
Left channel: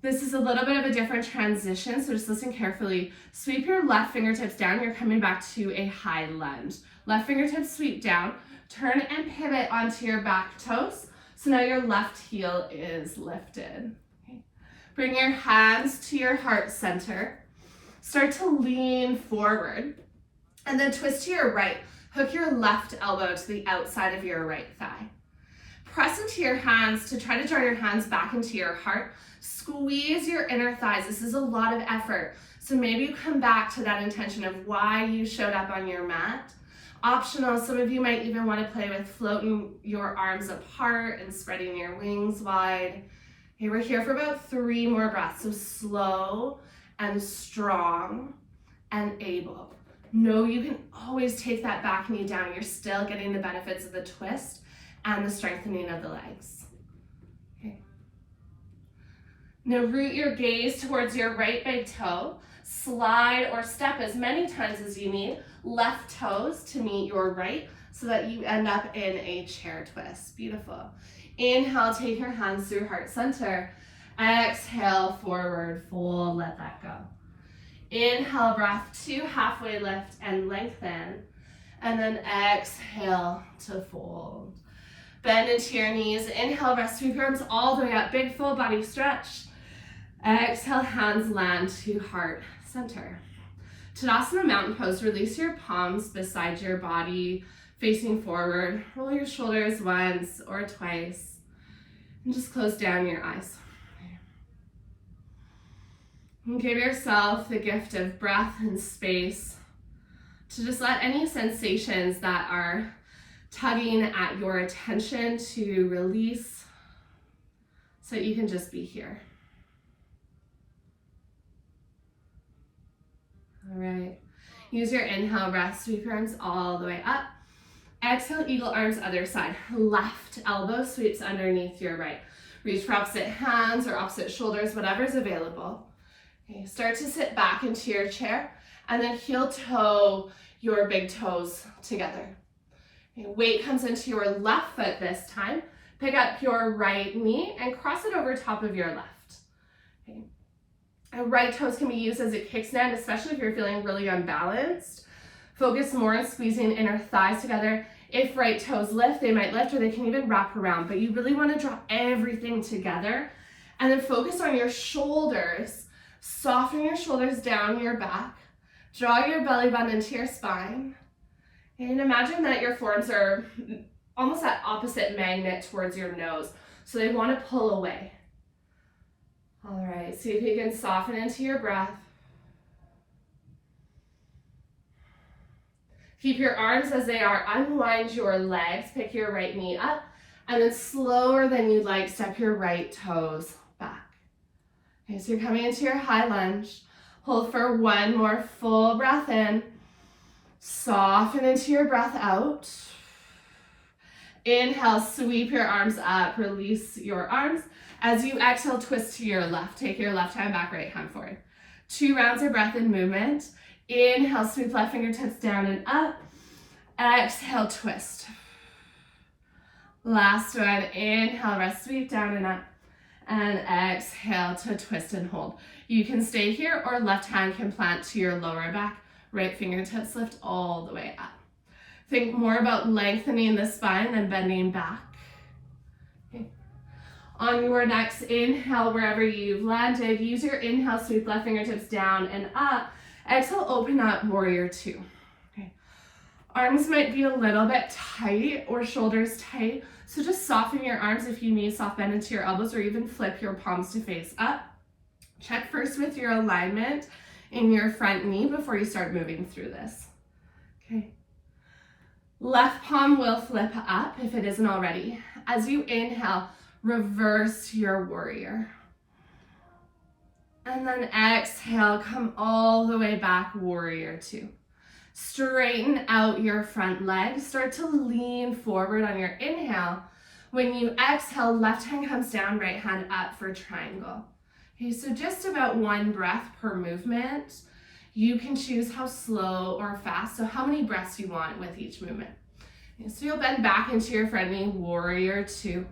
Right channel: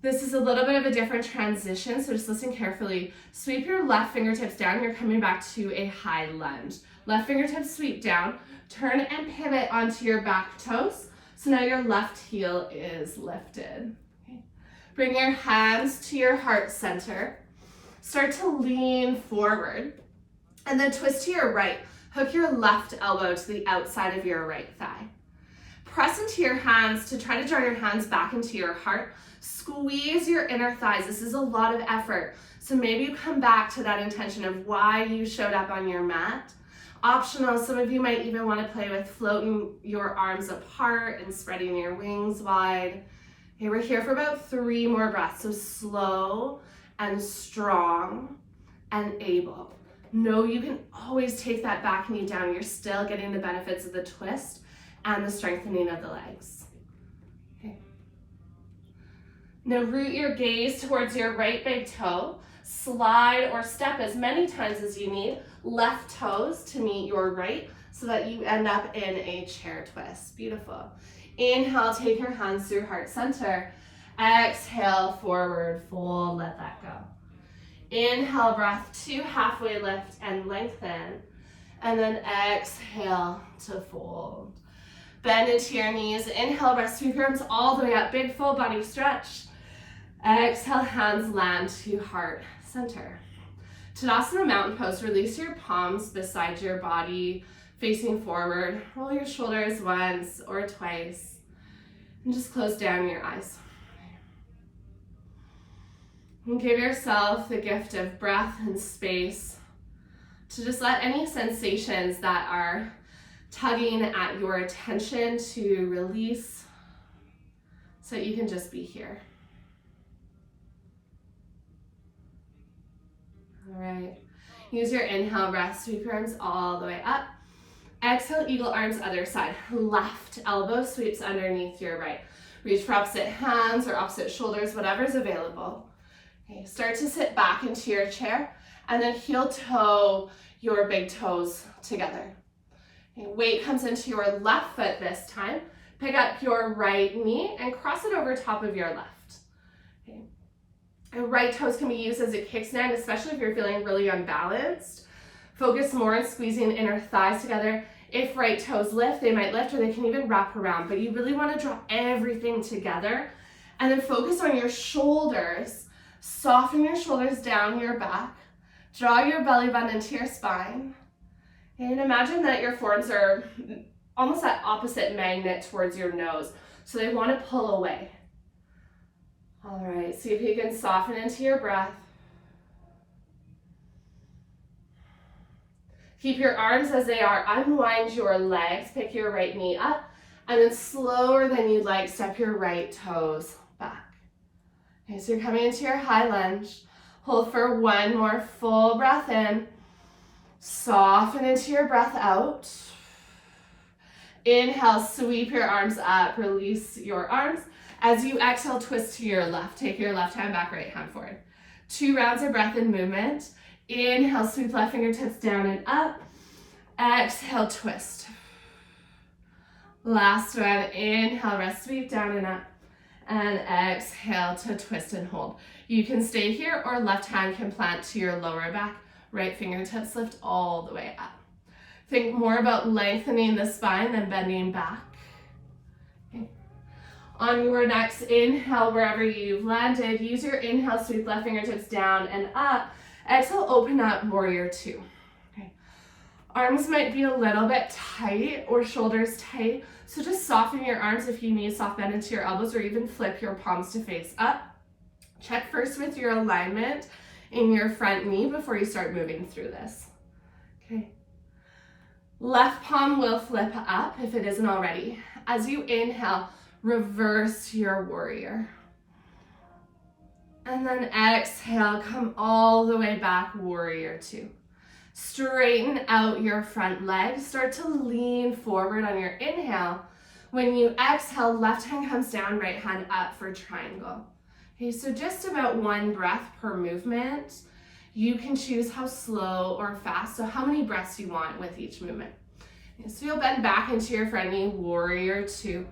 This is a little bit of a different transition, so just listen carefully. Sweep your left fingertips down. You're coming back to a high lunge. Left fingertips sweep down. Turn and pivot onto your back toes. So now your left heel is lifted. Okay. Bring your hands to your heart center. Start to lean forward. And then twist to your right. Hook your left elbow to the outside of your right thigh. Press into your hands to try to draw your hands back into your heart. Squeeze your inner thighs. This is a lot of effort. So maybe you come back to that intention of why you showed up on your mat. Optional, some of you might even want to play with floating your arms apart and spreading your wings wide. Okay, we're here for about 3 more breaths. So slow and strong and able. Know you can always take that back knee down. You're still getting the benefits of the twist and the strengthening of the legs. Okay. Now root your gaze towards your right big toe. Slide or step as many times as you need. Left toes to meet your right so that you end up in a chair twist. Beautiful. Inhale, take your hands through heart center. Exhale, forward fold, let that go. Inhale, breath 2, halfway lift and lengthen. And then exhale to fold. Bend into your knees. Inhale, breath, sweep your arms all the way up. Big full body stretch. Exhale, hands land to heart center. Tadasana mountain pose. Release your palms beside your body, facing forward. Roll your shoulders once or twice. And just close down your eyes. And give yourself the gift of breath and space to just let any sensations that are tugging at your attention to release so that you can just be here. All right. Use your inhale breath, sweep your arms all the way up. Exhale, eagle arms other side. Left elbow sweeps underneath your right. Reach for opposite hands or opposite shoulders, whatever's available. Okay, start to sit back into your chair and then heel toe your big toes together. Okay, weight comes into your left foot this time. Pick up your right knee and cross it over top of your left. Okay. And right toes can be used as a kickstand, especially if you're feeling really unbalanced. Focus more on squeezing inner thighs together. If right toes lift, they might lift or they can even wrap around, but you really want to draw everything together and then focus on your shoulders. Soften your shoulders down your back. Draw your belly button into your spine. And imagine that your forearms are almost that opposite magnet towards your nose. So they want to pull away. All right, see if you can soften into your breath. Keep your arms as they are. Unwind your legs. Pick your right knee up. And then slower than you'd like, step your right toes back. Okay, so you're coming into your high lunge. Hold for 1 more full breath in. Soften into your breath out. Inhale, sweep your arms up. Release your arms. As you exhale, twist to your left. Take your left hand back, right hand forward. 2 rounds of breath in movement. Inhale, sweep left fingertips down and up. Exhale, twist. Last one. Inhale, rest, sweep down and up. And exhale to twist and hold. You can stay here or left hand can plant to your lower back. Right fingertips lift all the way up. Think more about lengthening the spine than bending back. Okay. On your next inhale, wherever you've landed, use your inhale, sweep left fingertips down and up. Exhale, open up, warrior two. Okay. Arms might be a little bit tight or shoulders tight, so just soften your arms if you need, soft bend into your elbows, or even flip your palms to face up. Check first with your alignment in your front knee before you start moving through this. Okay. Left palm will flip up if it isn't already. As you inhale, reverse your warrior. And then exhale, come all the way back, warrior two. Straighten out your front leg. Start to lean forward on your inhale. When you exhale, left hand comes down, right hand up for triangle. Okay, so just about one breath per movement. You can choose how slow or fast, so how many breaths you want with each movement. Okay, so you'll bend back into your front knee, warrior two.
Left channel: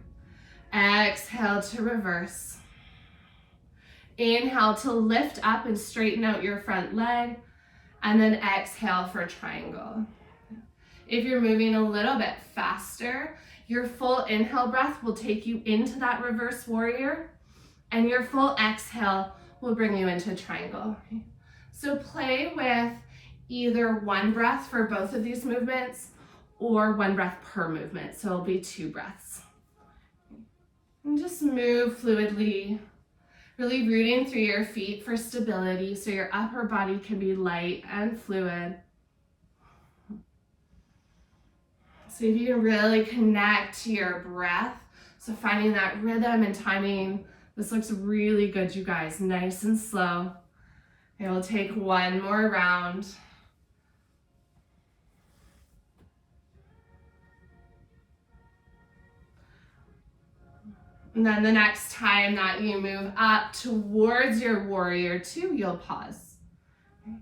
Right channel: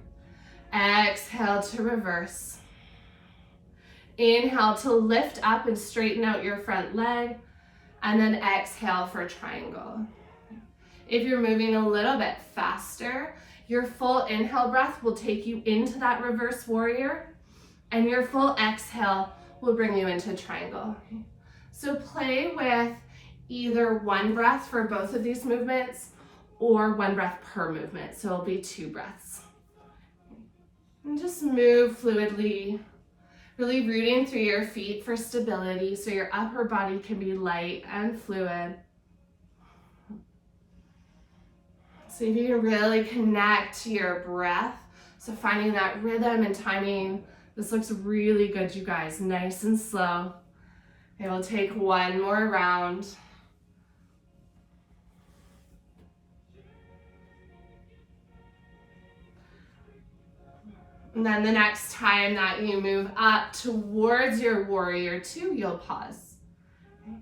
Exhale to reverse. Inhale to lift up and straighten out your front leg, and then exhale for triangle. If you're moving a little bit faster, your full inhale breath will take you into that reverse warrior, and your full exhale will bring you into triangle. So play with either one breath for both of these movements or one breath per movement, so it'll be 2 breaths. And just move fluidly, really rooting through your feet for stability so your upper body can be light and fluid. So if you can really connect to your breath, so finding that rhythm and timing. This looks really good, you guys, nice and slow. And we'll take one more round. And then the next time that you move up towards your warrior two, you'll pause. Okay.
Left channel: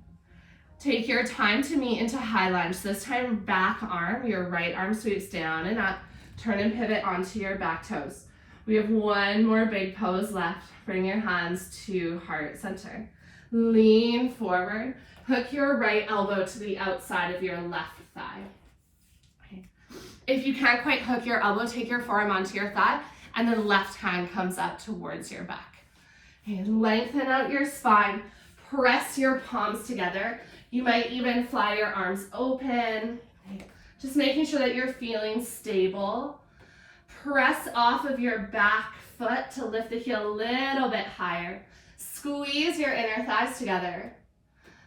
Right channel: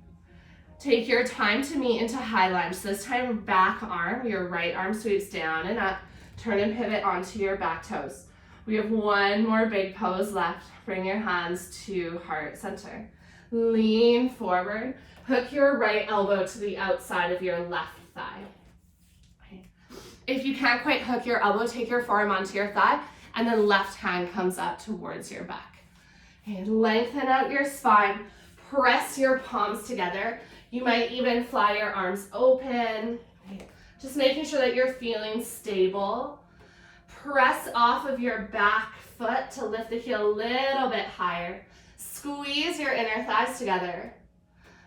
Take your time to meet into high lunge. So this time, back arm, your right arm sweeps down and up. Turn and pivot onto your back toes. We have one more big pose left. Bring your hands to heart center. Lean forward. Hook your right elbow to the outside of your left thigh. Okay. If you can't quite hook your elbow, take your forearm onto your thigh, and then left hand comes up towards your back. Okay. Lengthen out your spine. Press your palms together. You might even fly your arms open. Okay. Just making sure that you're feeling stable. Press off of your back foot to lift the heel a little bit higher. Squeeze your inner thighs together.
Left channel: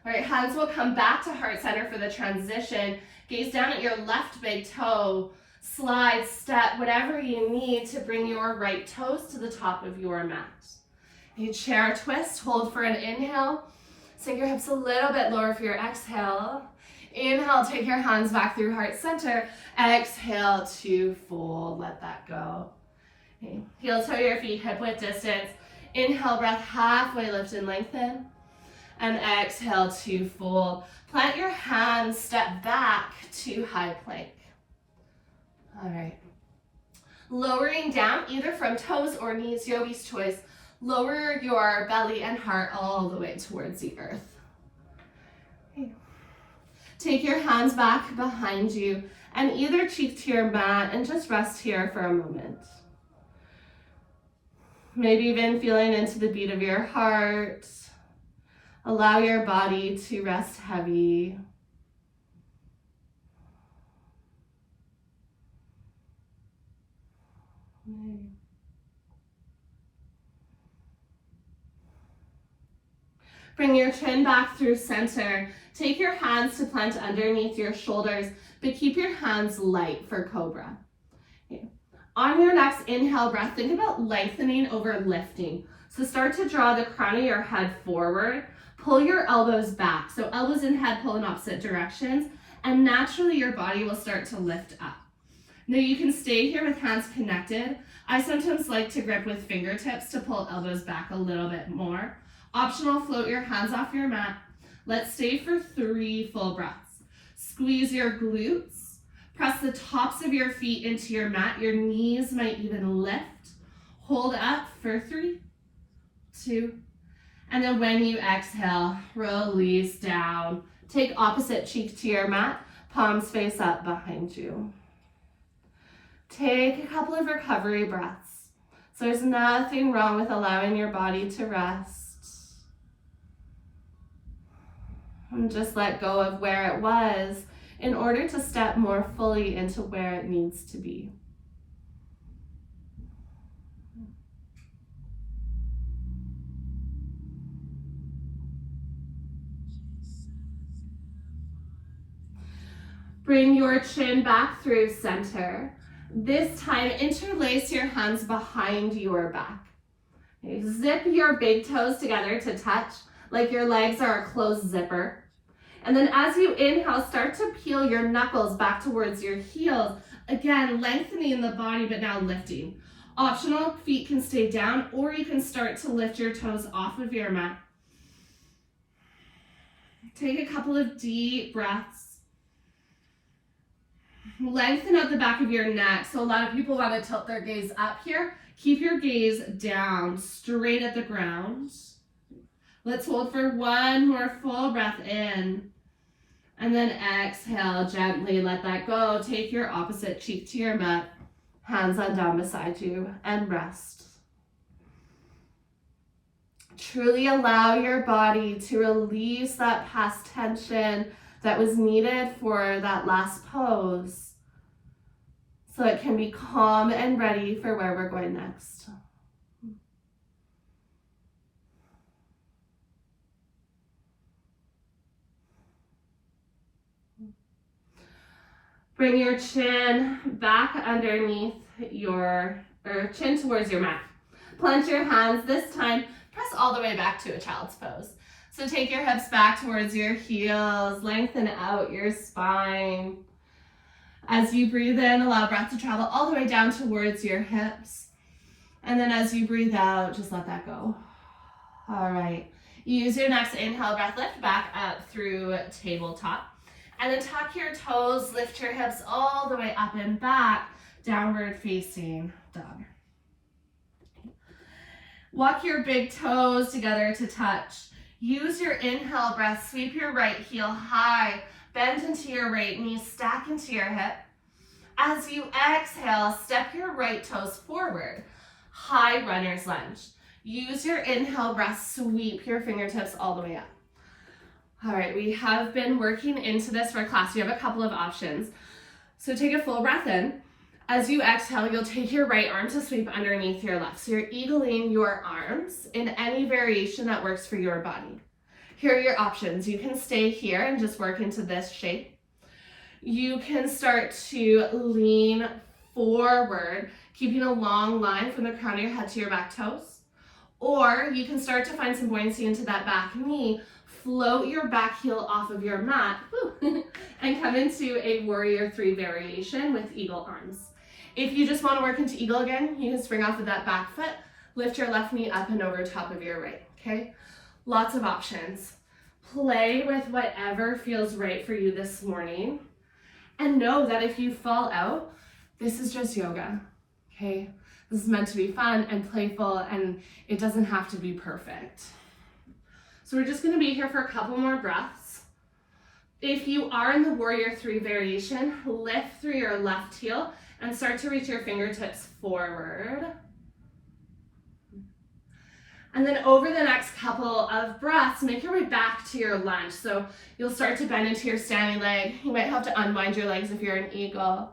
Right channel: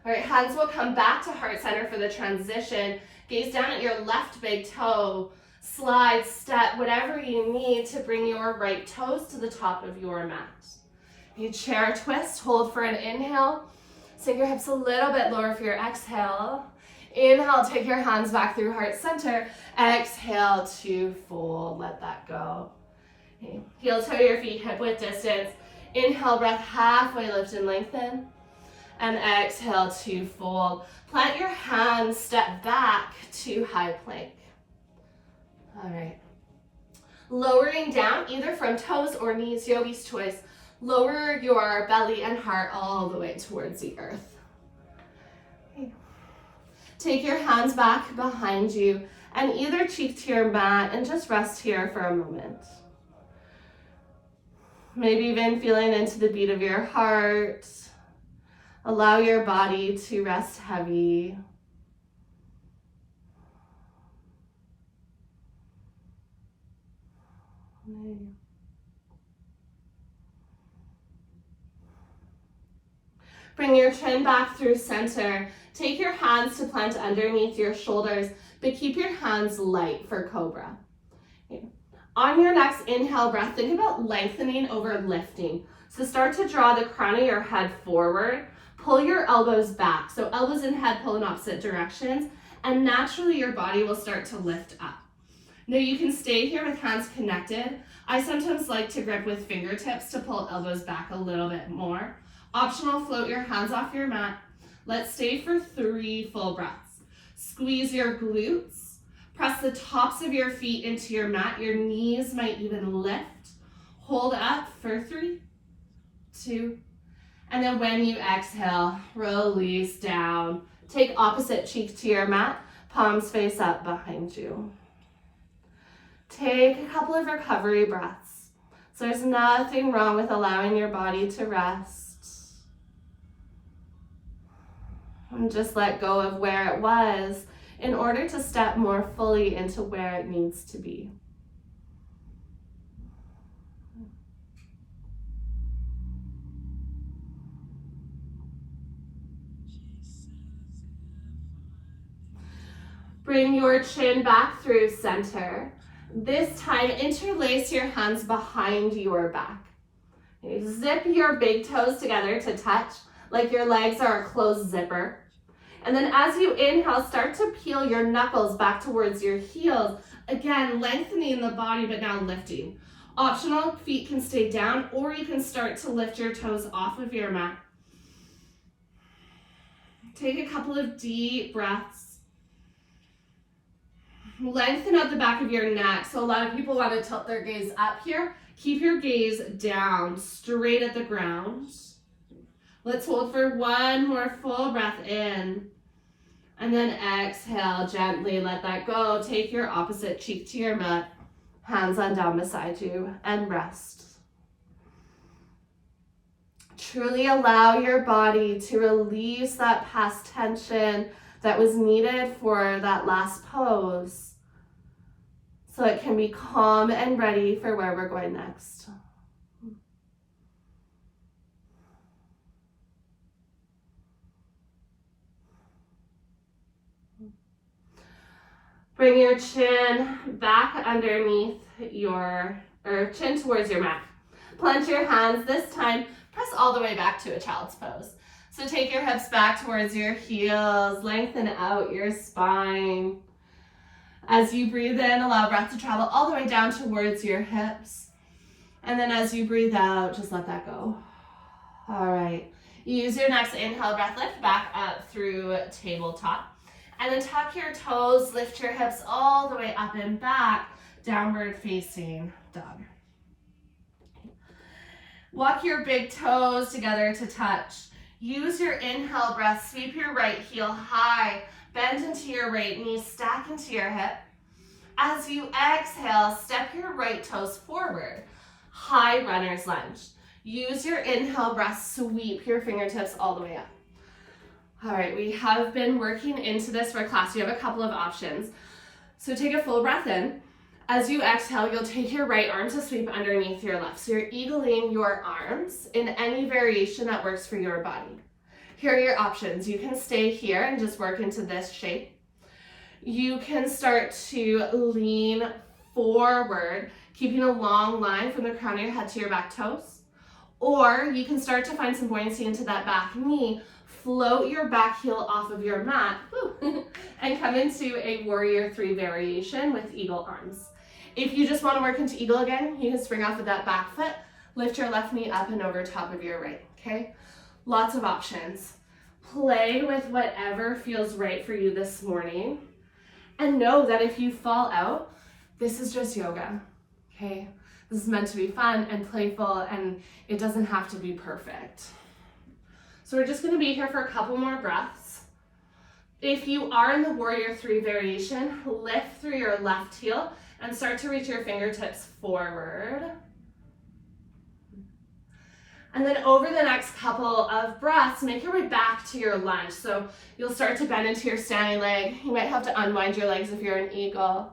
All right, hands will come back to heart center for the transition. Gaze down at your left big toe. Slide, step, whatever you need to bring your right toes to the top of your mat. You chair twist, hold for an inhale. Sink your hips a little bit lower for your exhale. Inhale, take your hands back through heart center. Exhale to fold, let that go. Okay. Heel toe your feet hip width distance. Inhale, breath halfway lift and lengthen. And exhale to fold. Plant your hands, step back to high plank. All right. Lowering down either from toes or knees, yogi's choice. Lower your belly and heart all the way towards the earth. Okay. Take your hands back behind you and either cheek to your mat and just rest here for a moment. Maybe even feeling into the beat of your heart. Allow your body to rest heavy. Bring your chin back through center. Take your hands to plant underneath your shoulders, but keep your hands light for cobra. Okay. On your next inhale breath, think about lengthening over lifting. So start to draw the crown of your head forward. Pull your elbows back. So elbows and head pull in opposite directions, and naturally your body will start to lift up. Now you can stay here with hands connected. I sometimes like to grip with fingertips to pull elbows back a little bit more. Optional, float your hands off your mat. Let's stay for 3 full breaths. Squeeze your glutes. Press the tops of your feet into your mat. Your knees might even lift. Hold up for 3, 2, and then when you exhale, release down. Take opposite cheek to your mat. Palms face up behind you. Take a couple of recovery breaths. So there's nothing wrong with allowing your body to rest. And just let go of where it was in order to step more fully into where it needs to be. Bring your chin back through center. This time, interlace your hands behind your back. Zip your big toes together to touch like your legs are a closed zipper. And then as you inhale, start to peel your knuckles back towards your heels. Again, lengthening the body, but now lifting. Optional, feet can stay down, or you can start to lift your toes off of your mat. Take a couple of deep breaths. Lengthen out the back of your neck. So a lot of people want to tilt their gaze up here. Keep your gaze down, straight at the ground. Let's hold for one more full breath in. And then exhale, gently let that go. Take your opposite cheek to your mat. Hands on down beside you and rest. Truly allow your body to release that past tension that was needed for that last pose, so it can be calm and ready for where we're going next. Bring your chin back underneath chin towards your mat. Plunge your hands. This time, press all the way back to a child's pose. So take your hips back towards your heels, lengthen out your spine. As you breathe in, allow breath to travel all the way down towards your hips. And then as you breathe out, just let that go. All right. Use your next inhale, breath lift back up through tabletop. And then tuck your toes, lift your hips all the way up and back, downward facing dog. Walk your big toes together to touch. Use your inhale breath, sweep your right heel high, bend into your right knee, stack into your hip. As you exhale, step your right toes forward, high runner's lunge. Use your inhale breath, sweep your fingertips all the way up. All right, we have been working into this for class. You have a couple of options. So take a full breath in. As you exhale, you'll take your right arm to sweep underneath your left. So you're eagling your arms in any variation that works for your body. Here are your options. You can stay here and just work into this shape. You can start to lean forward, keeping a long line from the crown of your head to your back toes. Or you can start to find some buoyancy into that back knee, float your back heel off of your mat, and come into a warrior 3 variation with eagle arms. If you just want to work into eagle again, you can spring off with that back foot, lift your left knee up and over top of your right, okay? Lots of options. Play with whatever feels right for you this morning. And know that if you fall out, this is just yoga, okay? This is meant to be fun and playful, and it doesn't have to be perfect. So we're just gonna be here for a couple more breaths. If you are in the warrior 3 variation, lift through your left heel and start to reach your fingertips forward. And then over the next couple of breaths, make your way back to your lunge. So you'll start to bend into your standing leg. You might have to unwind your legs if you're an eagle.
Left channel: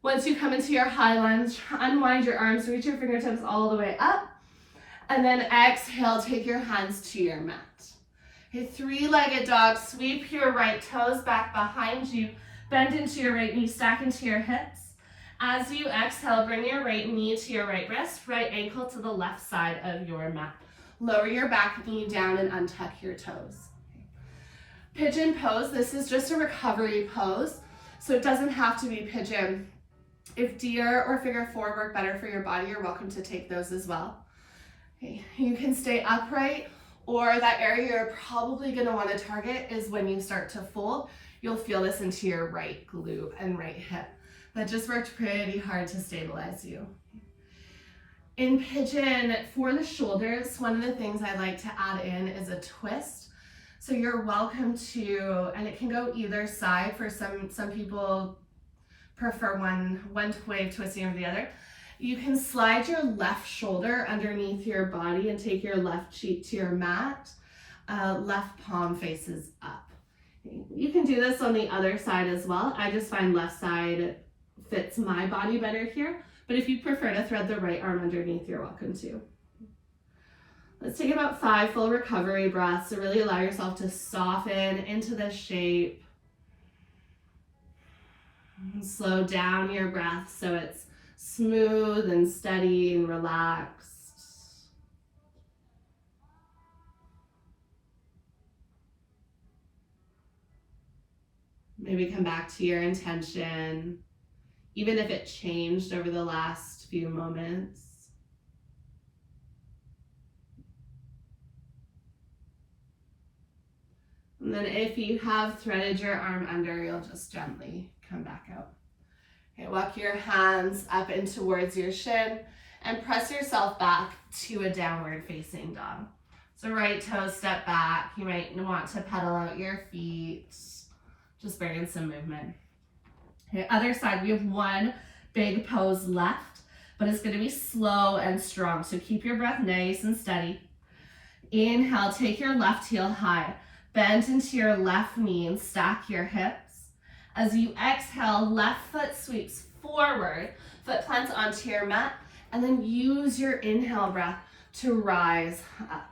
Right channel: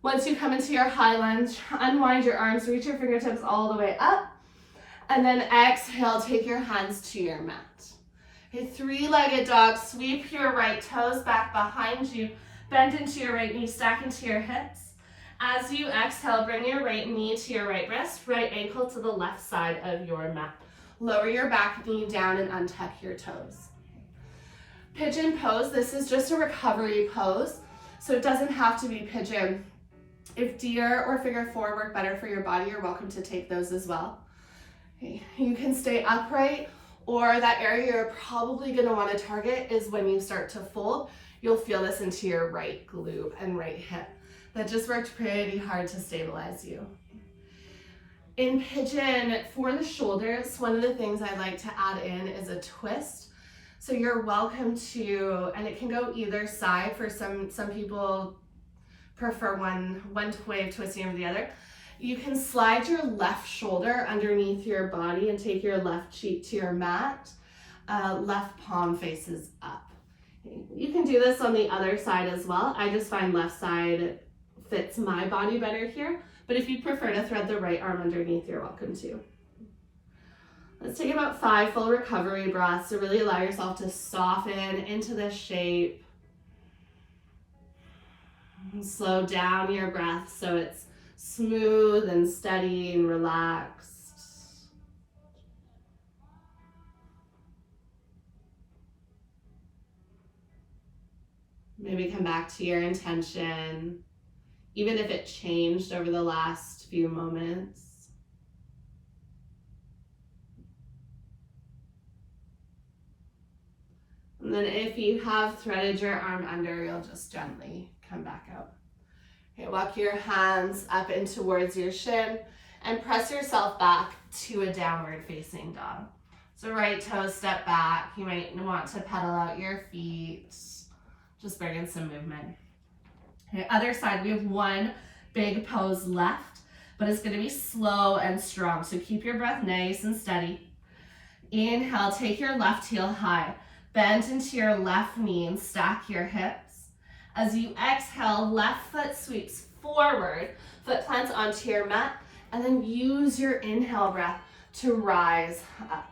Once you come into your high lunge, unwind your arms, reach your fingertips all the way up. And then exhale, take your hands to your mat. A 3-legged dog, sweep your right toes back behind you, bend into your right knee, stack into your hips. As you exhale, bring your right knee to your right wrist, right ankle to the left side of your mat. Lower your back knee down and untuck your toes. Pigeon pose, this is just a recovery pose, so it doesn't have to be pigeon. If deer or figure 4 work better for your body, you're welcome to take those as well. Okay. You can stay upright, or that area you're probably gonna wanna target is when you start to fold. You'll feel this into your right glute and right hip. That just worked pretty hard to stabilize you. In pigeon, for the shoulders, one of the things I like to add in is a twist. So you're welcome to, and it can go either side. For some people prefer one way of twisting over the other. You can slide your left shoulder underneath your body and take your left cheek to your mat. Left palm faces up. You can do this on the other side as well. I just find left side fits my body better here, but if you prefer to thread the right arm underneath, you're welcome to. Let's take about 5 full recovery breaths to really allow yourself to soften into this shape. Slow down your breath so it's smooth and steady and relaxed. Maybe come back to your intention, even if it changed over the last few moments. And then if you have threaded your arm under, you'll just gently come back out. Okay, walk your hands up and towards your shin and press yourself back to a downward facing dog. So right toe step back. You might want to pedal out your feet. Just bring in some movement. Okay, other side, we have one big pose left, but it's going to be slow and strong. So keep your breath nice and steady. Inhale, take your left heel high. Bend into your left knee and stack your hips. As you exhale, left foot sweeps forward, foot plants onto your mat, and then use your inhale breath to rise up.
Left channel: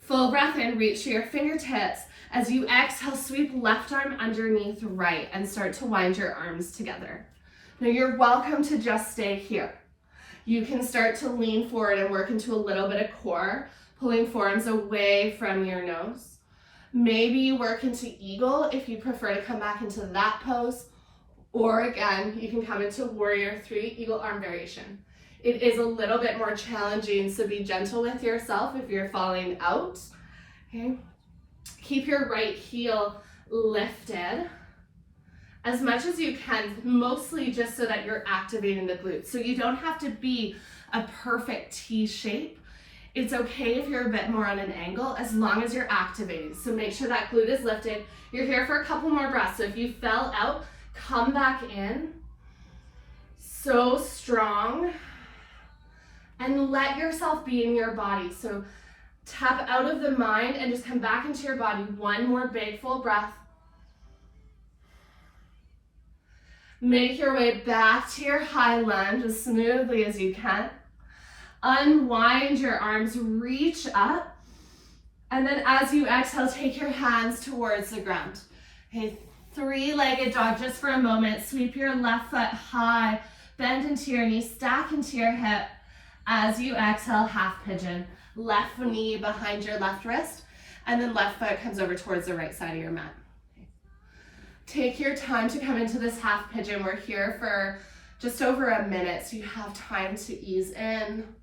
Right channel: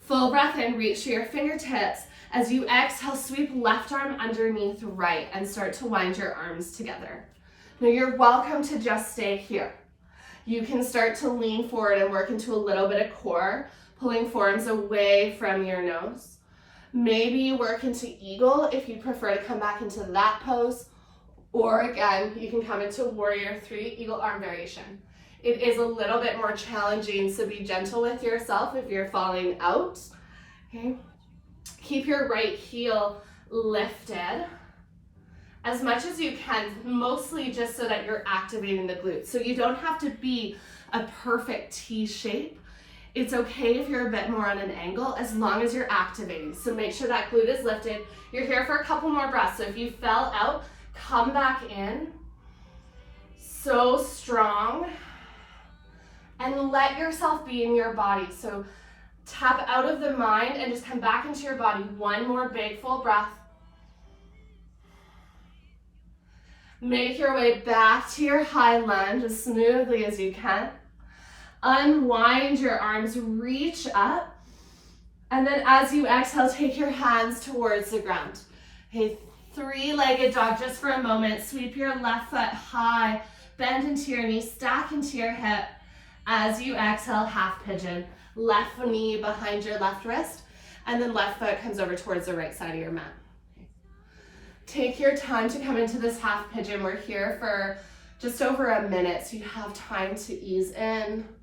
Full breath in, reach to your fingertips. As you exhale, sweep left arm underneath right and start to wind your arms together. Now you're welcome to just stay here. You can start to lean forward and work into a little bit of core, pulling forearms away from your nose. Maybe you work into eagle if you prefer to come back into that pose, or again, you can come into warrior 3, eagle arm variation. It is a little bit more challenging, so be gentle with yourself if you're falling out. Okay. Keep your right heel lifted as much as you can, mostly just so that you're activating the glutes. So you don't have to be a perfect T shape. It's okay if you're a bit more on an angle as long as you're activating. So make sure that glute is lifted. You're here for a couple more breaths. So if you fell out, come back in. So strong. And let yourself be in your body. So tap out of the mind and just come back into your body. One more big full breath. Make your way back to your high lunge as smoothly as you can. Unwind your arms, reach up. And then as you exhale, take your hands towards the ground. Okay, 3-legged dog just for a moment. Sweep your left foot high, bend into your knee, stack into your hip. As you exhale, half pigeon. Left knee behind your left wrist, and then left foot comes over towards the right side of your mat. Take your time to come into this half pigeon. We're here for just over a minute, so you have time to ease in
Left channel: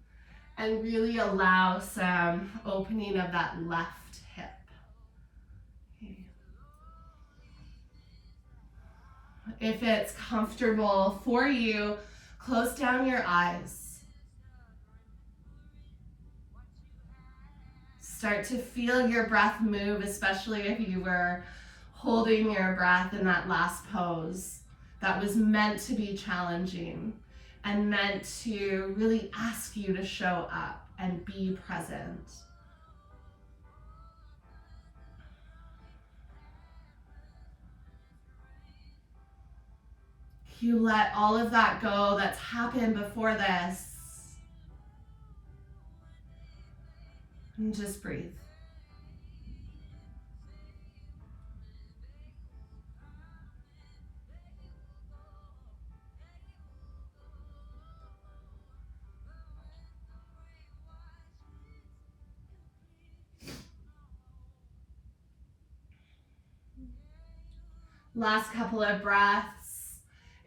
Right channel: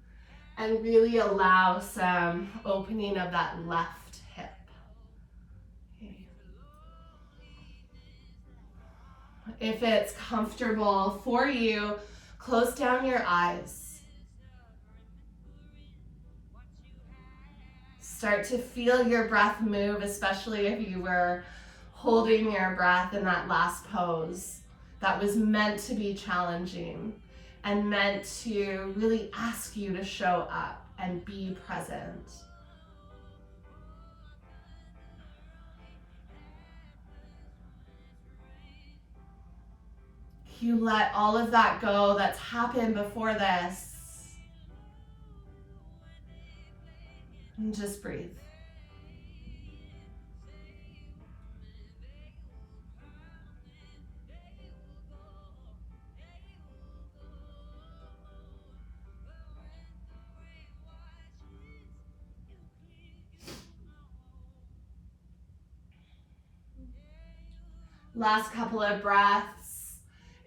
and really allow some opening of that left hip. Okay. If it's comfortable for you, close down your eyes. Start to feel your breath move, especially if you were holding your breath in that last pose. That was meant to be challenging and meant to really ask you to show up and be present. You let all of that go that's happened before this. And just breathe. Last couple of breaths.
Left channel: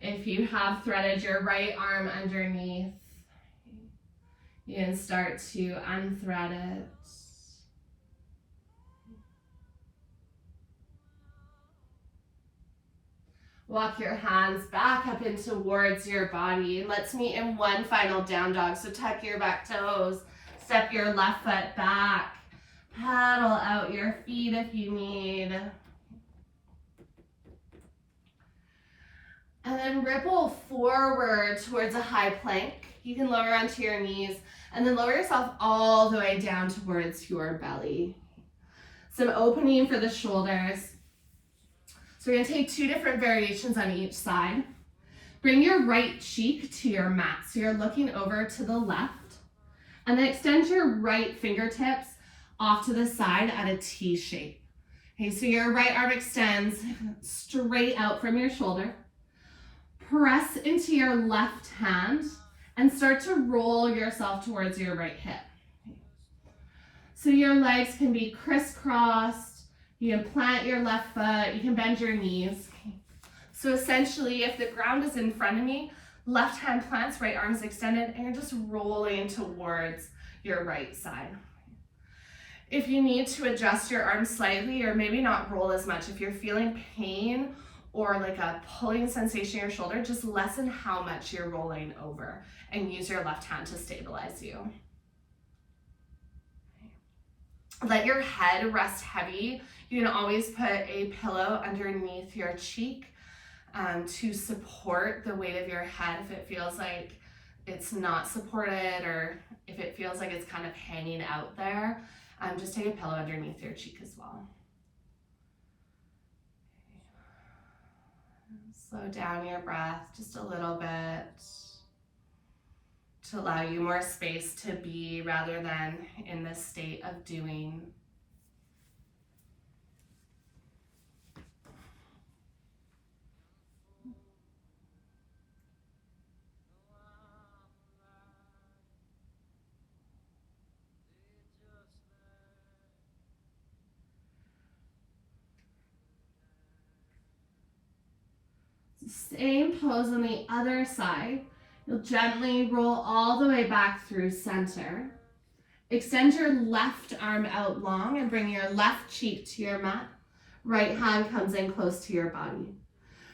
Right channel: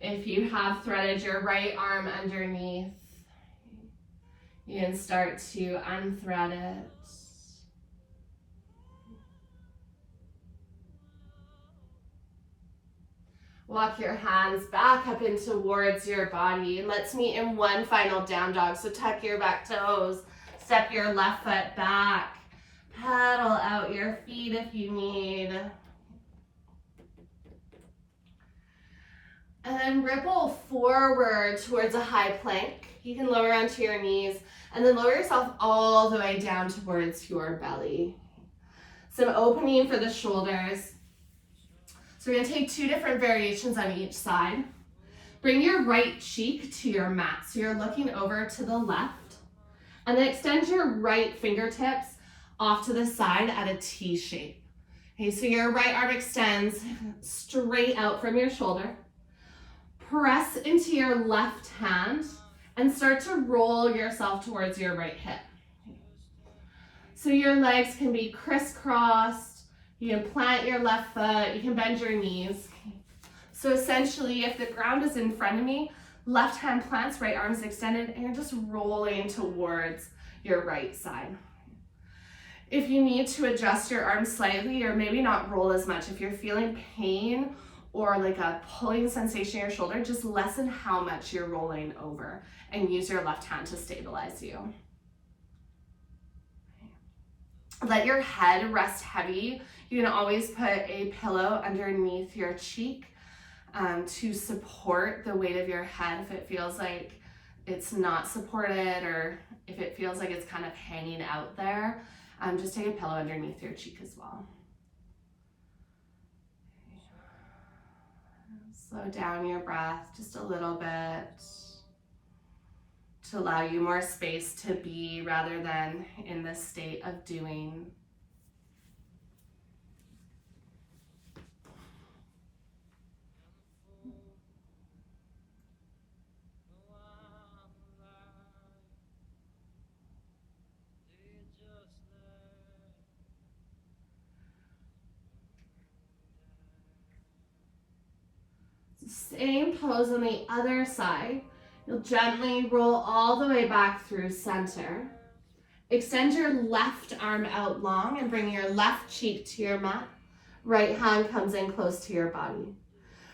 If you have threaded your right arm underneath, you can start to unthread it. Walk your hands back up in towards your body. And let's meet in one final down dog. So tuck your back toes, step your left foot back, pedal out your feet if you need. And then ripple forward towards a high plank. You can lower onto your knees and then lower yourself all the way down towards your belly. Some opening for the shoulders. So we're gonna take 2 different variations on each side. Bring your right cheek to your mat. So you're looking over to the left. And then extend your right fingertips off to the side at a T shape. Okay, so your right arm extends straight out from your shoulder. Press into your left hand and start to roll yourself towards your right hip. So your legs can be crisscrossed. You can plant your left foot. You can bend your knees. So essentially, if the ground is in front of me, left hand plants, right arm is extended, and you're just rolling towards your right side. If you need to adjust your arms slightly or maybe not roll as much, if you're feeling pain or like a pulling sensation in your shoulder, just lessen how much you're rolling over and use your left hand to stabilize you. Let your head rest heavy. You can always put a pillow underneath your cheek to support the weight of your head if it feels like it's not supported or if it feels like it's kind of hanging out there. Just take a pillow underneath your cheek as well. Slow down your breath just a little bit to allow you more space to be rather than in this state of doing. Same pose on the other side. You'll gently roll all the way back through center. Extend your left arm out long and bring your left cheek to your mat. Right hand comes in close to your body.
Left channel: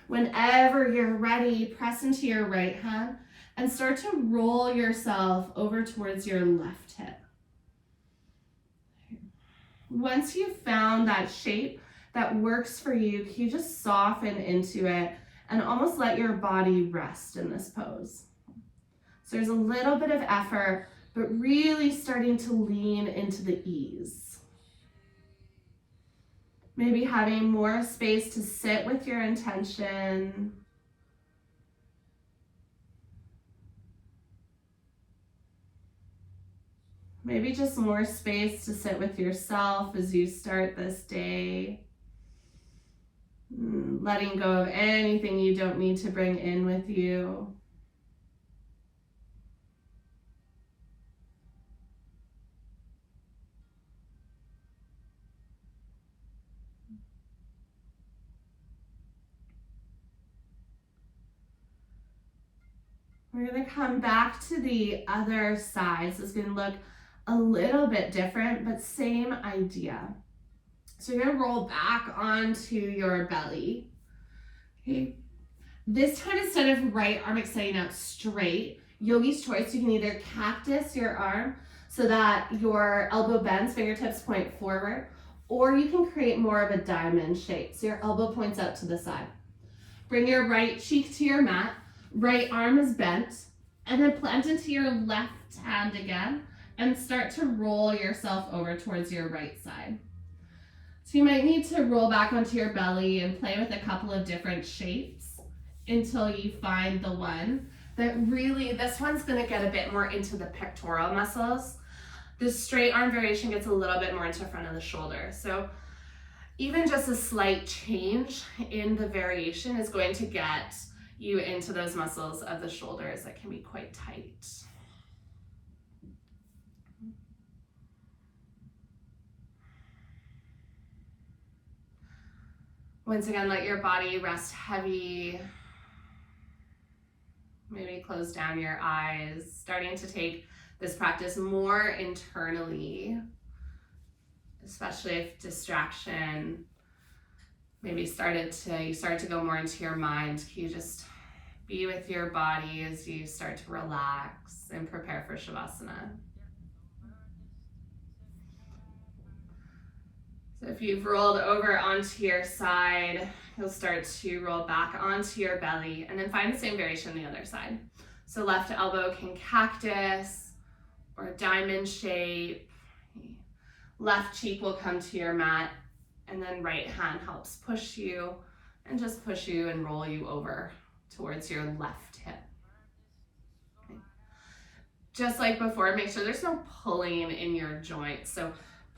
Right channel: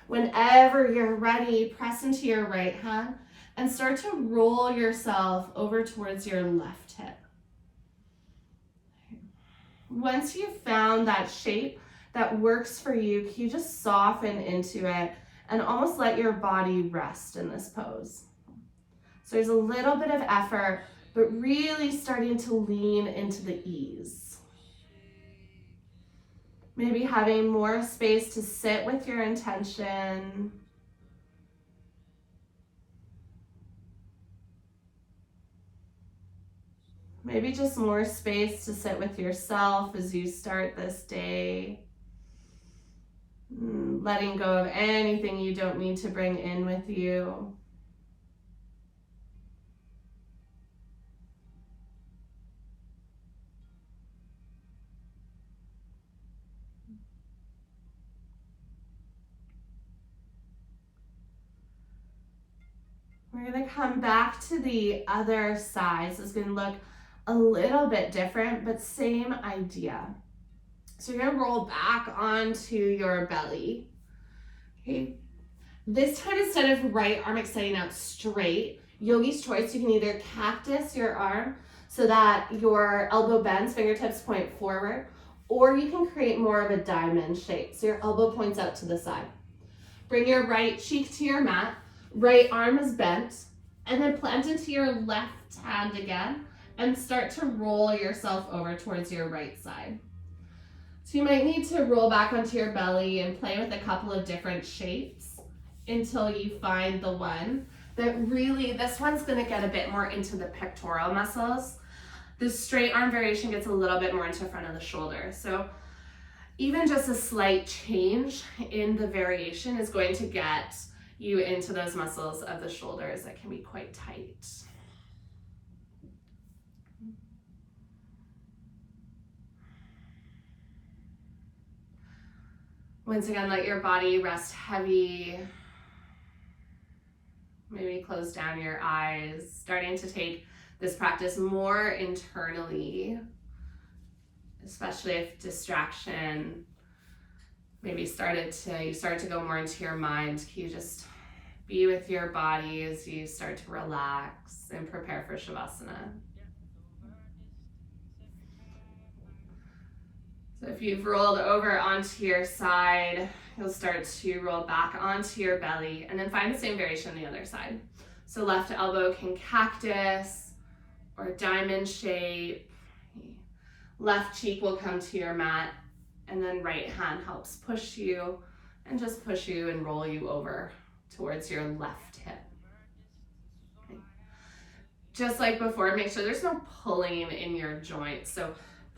Whenever you're ready, press into your right hand and start to roll yourself over towards your left hip. Once you've found that shape that works for you, can you just soften into it and almost let your body rest in this pose? So there's a little bit of effort, but really starting to lean into the ease. Maybe having more space to sit with your intention. Maybe just more space to sit with yourself as you start this day. Letting go of anything you don't need to bring in with you. We're going to come back to the other side. So it's going to look a little bit different, but same idea. So you're going to roll back onto your belly. Okay. This time, instead of right arm extending out straight, yogi's choice, you can either cactus your arm so that your elbow bends, fingertips point forward, or you can create more of a diamond shape. So your elbow points out to the side. Bring your right cheek to your mat, right arm is bent, and then plant into your left hand again and start to roll yourself over towards your right side. So you might need to roll back onto your belly and play with a couple of different shapes until you find the one that really, this one's gonna get a bit more into the pectoral muscles. The straight arm variation gets a little bit more into front of the shoulder. So even just a slight change in the variation is going to get you into those muscles of the shoulders that can be quite tight. Once again, let your body rest heavy. Maybe close down your eyes, starting to take this practice more internally, especially if distraction maybe you start to go more into your mind. Can you just be with your body as you start to relax and prepare for Shavasana? So if you've rolled over onto your side, you'll start to roll back onto your belly and then find the same variation on the other side. So left elbow can cactus or diamond shape. Left cheek will come to your mat, and then right hand helps push you and just push you and roll you over towards your left hip. Okay. Just like before, make sure there's no pulling in your joints. So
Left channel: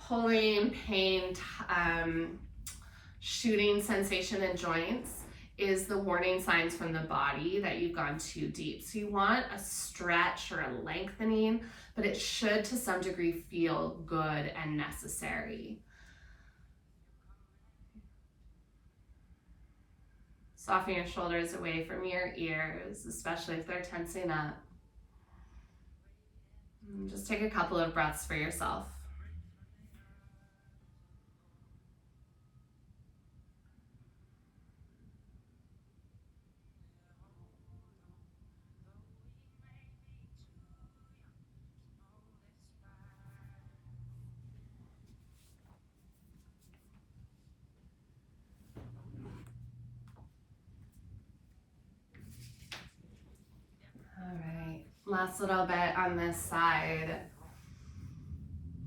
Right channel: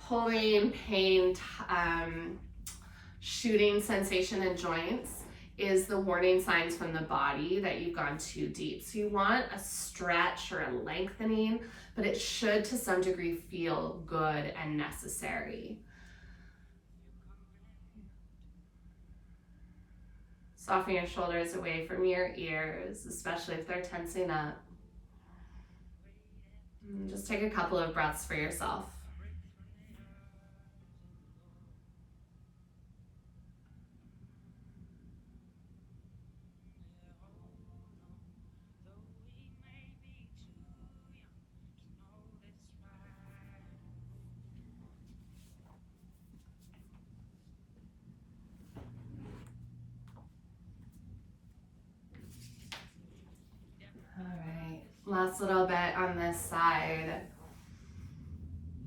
pulling, pain, shooting sensation in joints is the warning signs from the body that you've gone too deep. So you want a stretch or a lengthening, but it should to some degree feel good and necessary. Soften your shoulders away from your ears, especially if they're tensing up. And just take a couple of breaths for yourself. Last little bit on this side.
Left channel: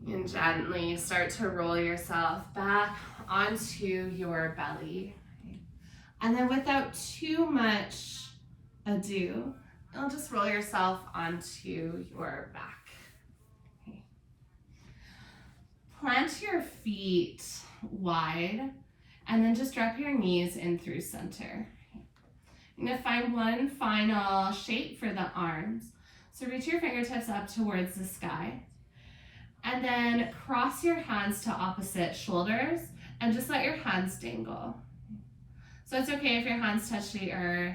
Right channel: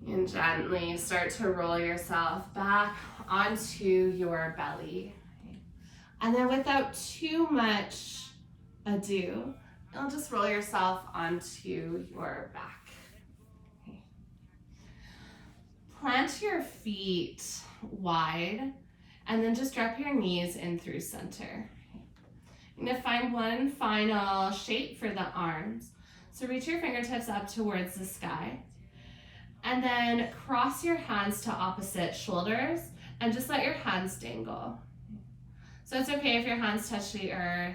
And gently start to roll yourself back onto your belly. And then without too much ado, you'll just roll yourself onto your back. Okay. Plant your feet wide and then just drop your knees in through center. You're going to find one final shape for the arms. So reach your fingertips up towards the sky and then cross your hands to opposite shoulders and just let your hands dangle. So it's okay if your hands touch the earth.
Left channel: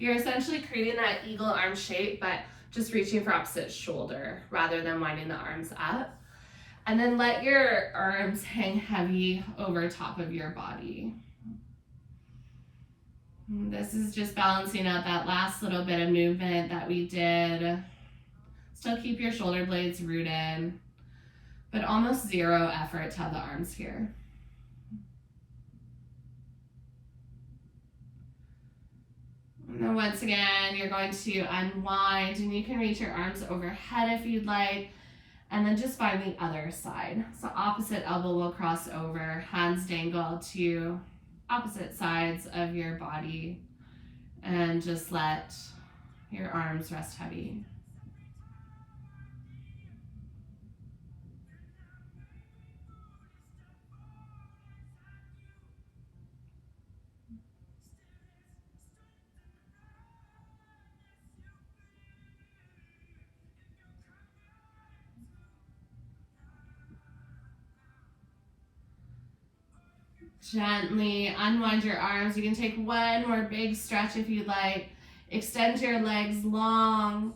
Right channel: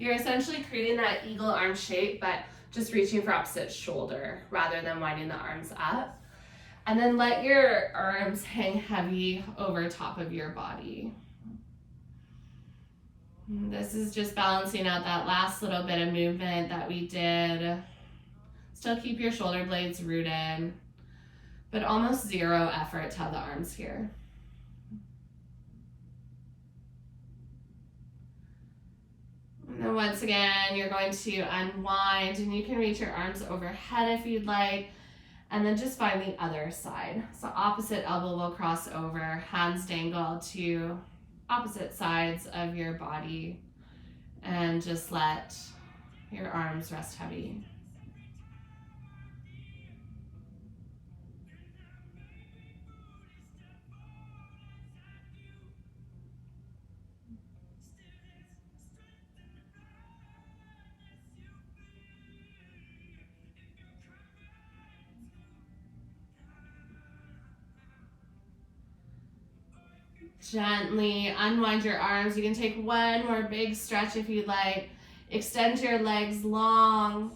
You're essentially creating that eagle arm shape, but just reaching for opposite shoulder rather than winding the arms up. And then let your arms hang heavy over top of your body. This is just balancing out that last little bit of movement that we did. Still keep your shoulder blades rooted, but almost zero effort to have the arms here. And then once again, you're going to unwind and you can reach your arms overhead if you'd like, and then just find the other side. So opposite elbow will cross over, hands dangle to opposite sides of your body, and just let your arms rest heavy. Gently unwind your arms. You can take one more big stretch if you'd like. Extend your legs long.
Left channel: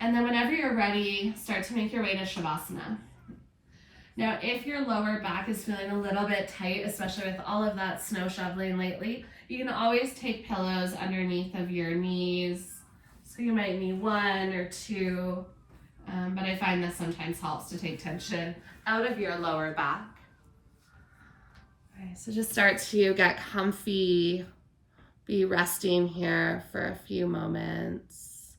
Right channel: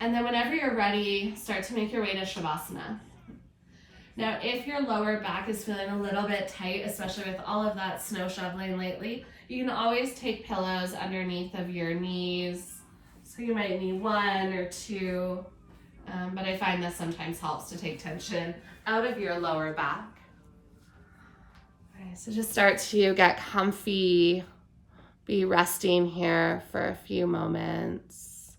And then whenever you're ready, start to make your way to Shavasana. Now, if your lower back is feeling a little bit tight, especially with all of that snow shoveling lately, you can always take pillows underneath of your knees. So you might need one or two, but I find this sometimes helps to take tension out of your lower back. Okay, so just start to get comfy, be resting here for a few moments.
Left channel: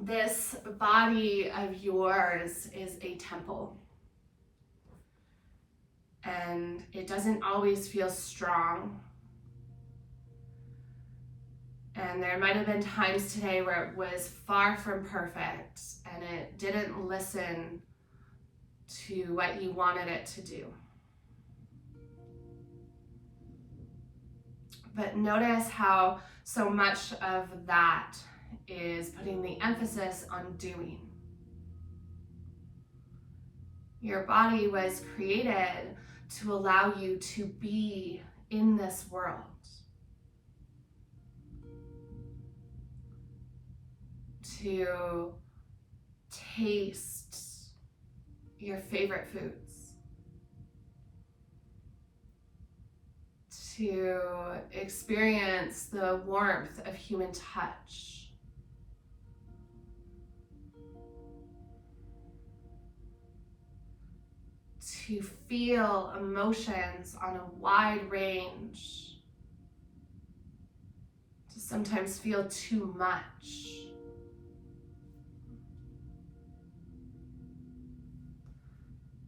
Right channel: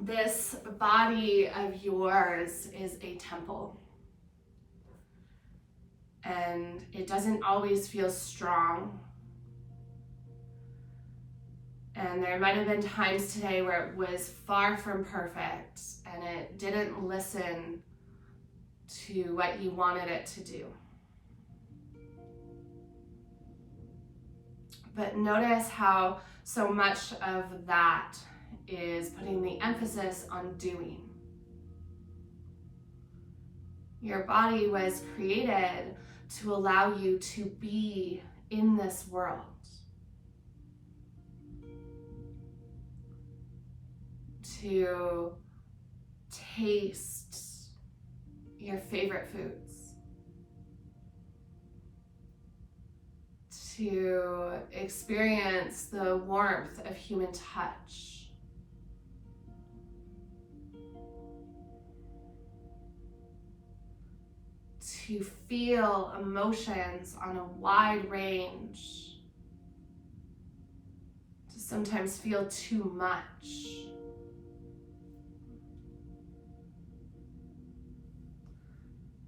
This body of yours is a temple, and it doesn't always feel strong. And there might have been times today where it was far from perfect and it didn't listen to what you wanted it to do. But notice how so much of that is putting the emphasis on doing. Your body was created to allow you to be in this world. To taste your favorite foods, to experience the warmth of human touch. To feel emotions on a wide range. To sometimes feel too much.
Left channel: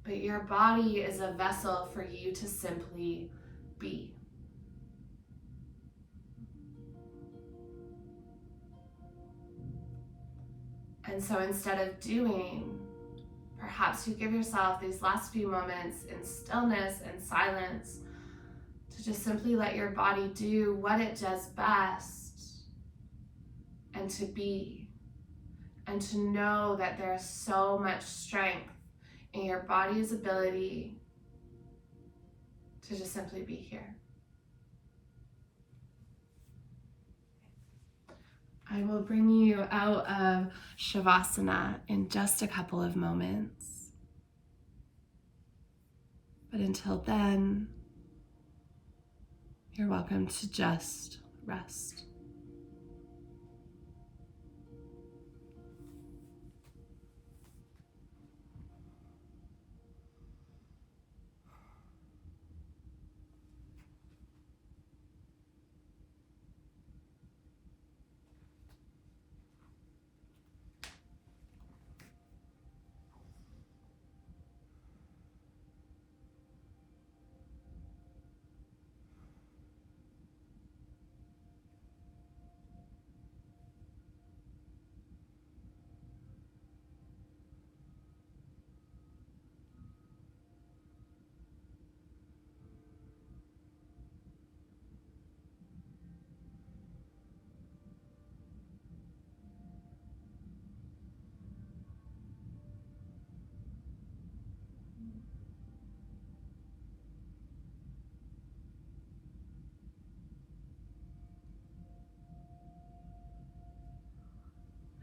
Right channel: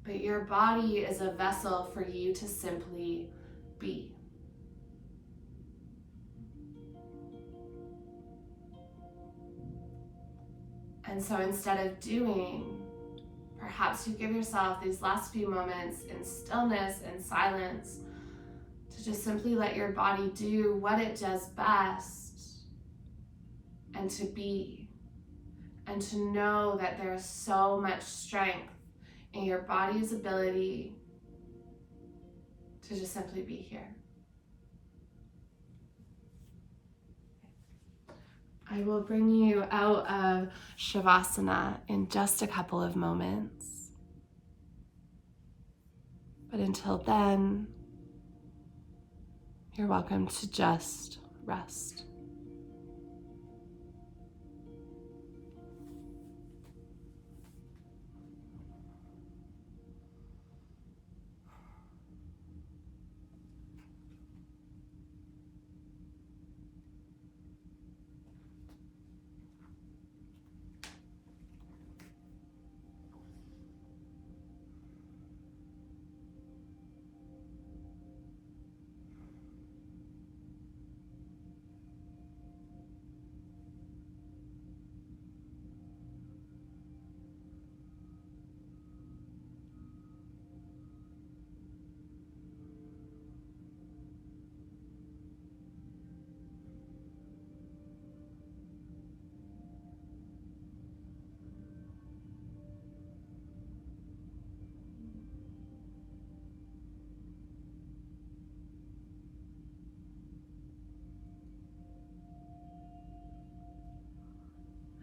But your body is a vessel for you to simply be. And so instead of doing, perhaps you give yourself these last few moments in stillness and silence to just simply let your body do what it does best and to be, and to know that there's so much strength in your body's ability to just simply be here. I will bring you out of Shavasana in just a couple of moments. But until then, you're welcome to just rest.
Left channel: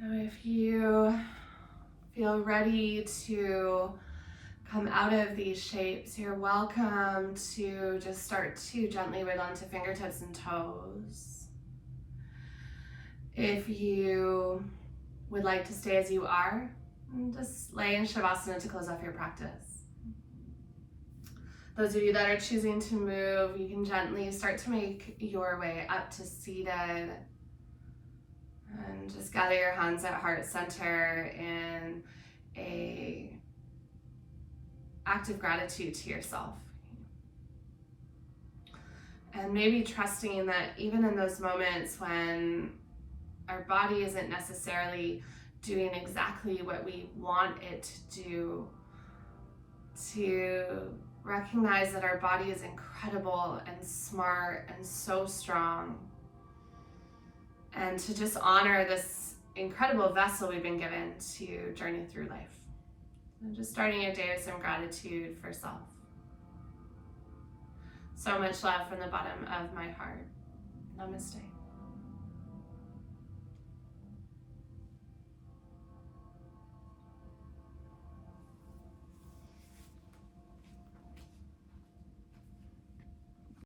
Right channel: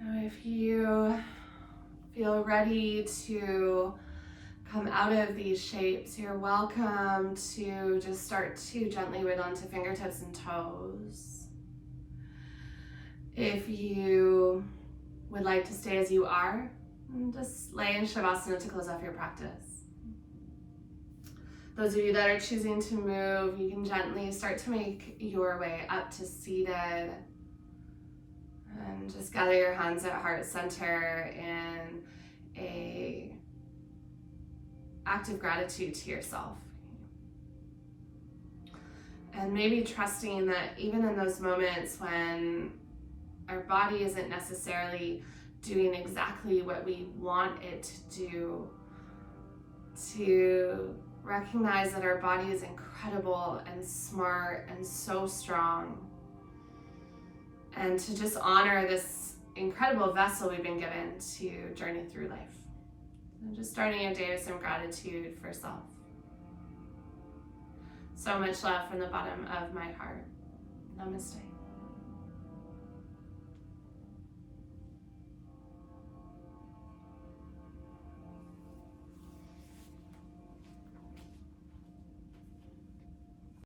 Now, if you feel ready to come out of these shapes, you're welcome to just start to gently wiggle into fingertips and toes. If you would like to stay as you are, just lay in Shavasana to close off your practice. Those of you that are choosing to move, you can gently start to make your way up to seated. And just gather your hands at heart center in a act of gratitude to yourself. And maybe trusting that even in those moments when our body isn't necessarily doing exactly what we want it to do, to recognize that our body is incredible and smart and so strong. And to just honor this incredible vessel we've been given to journey through life. And just starting your day with some gratitude for self. So much love from the bottom of my heart. Namaste.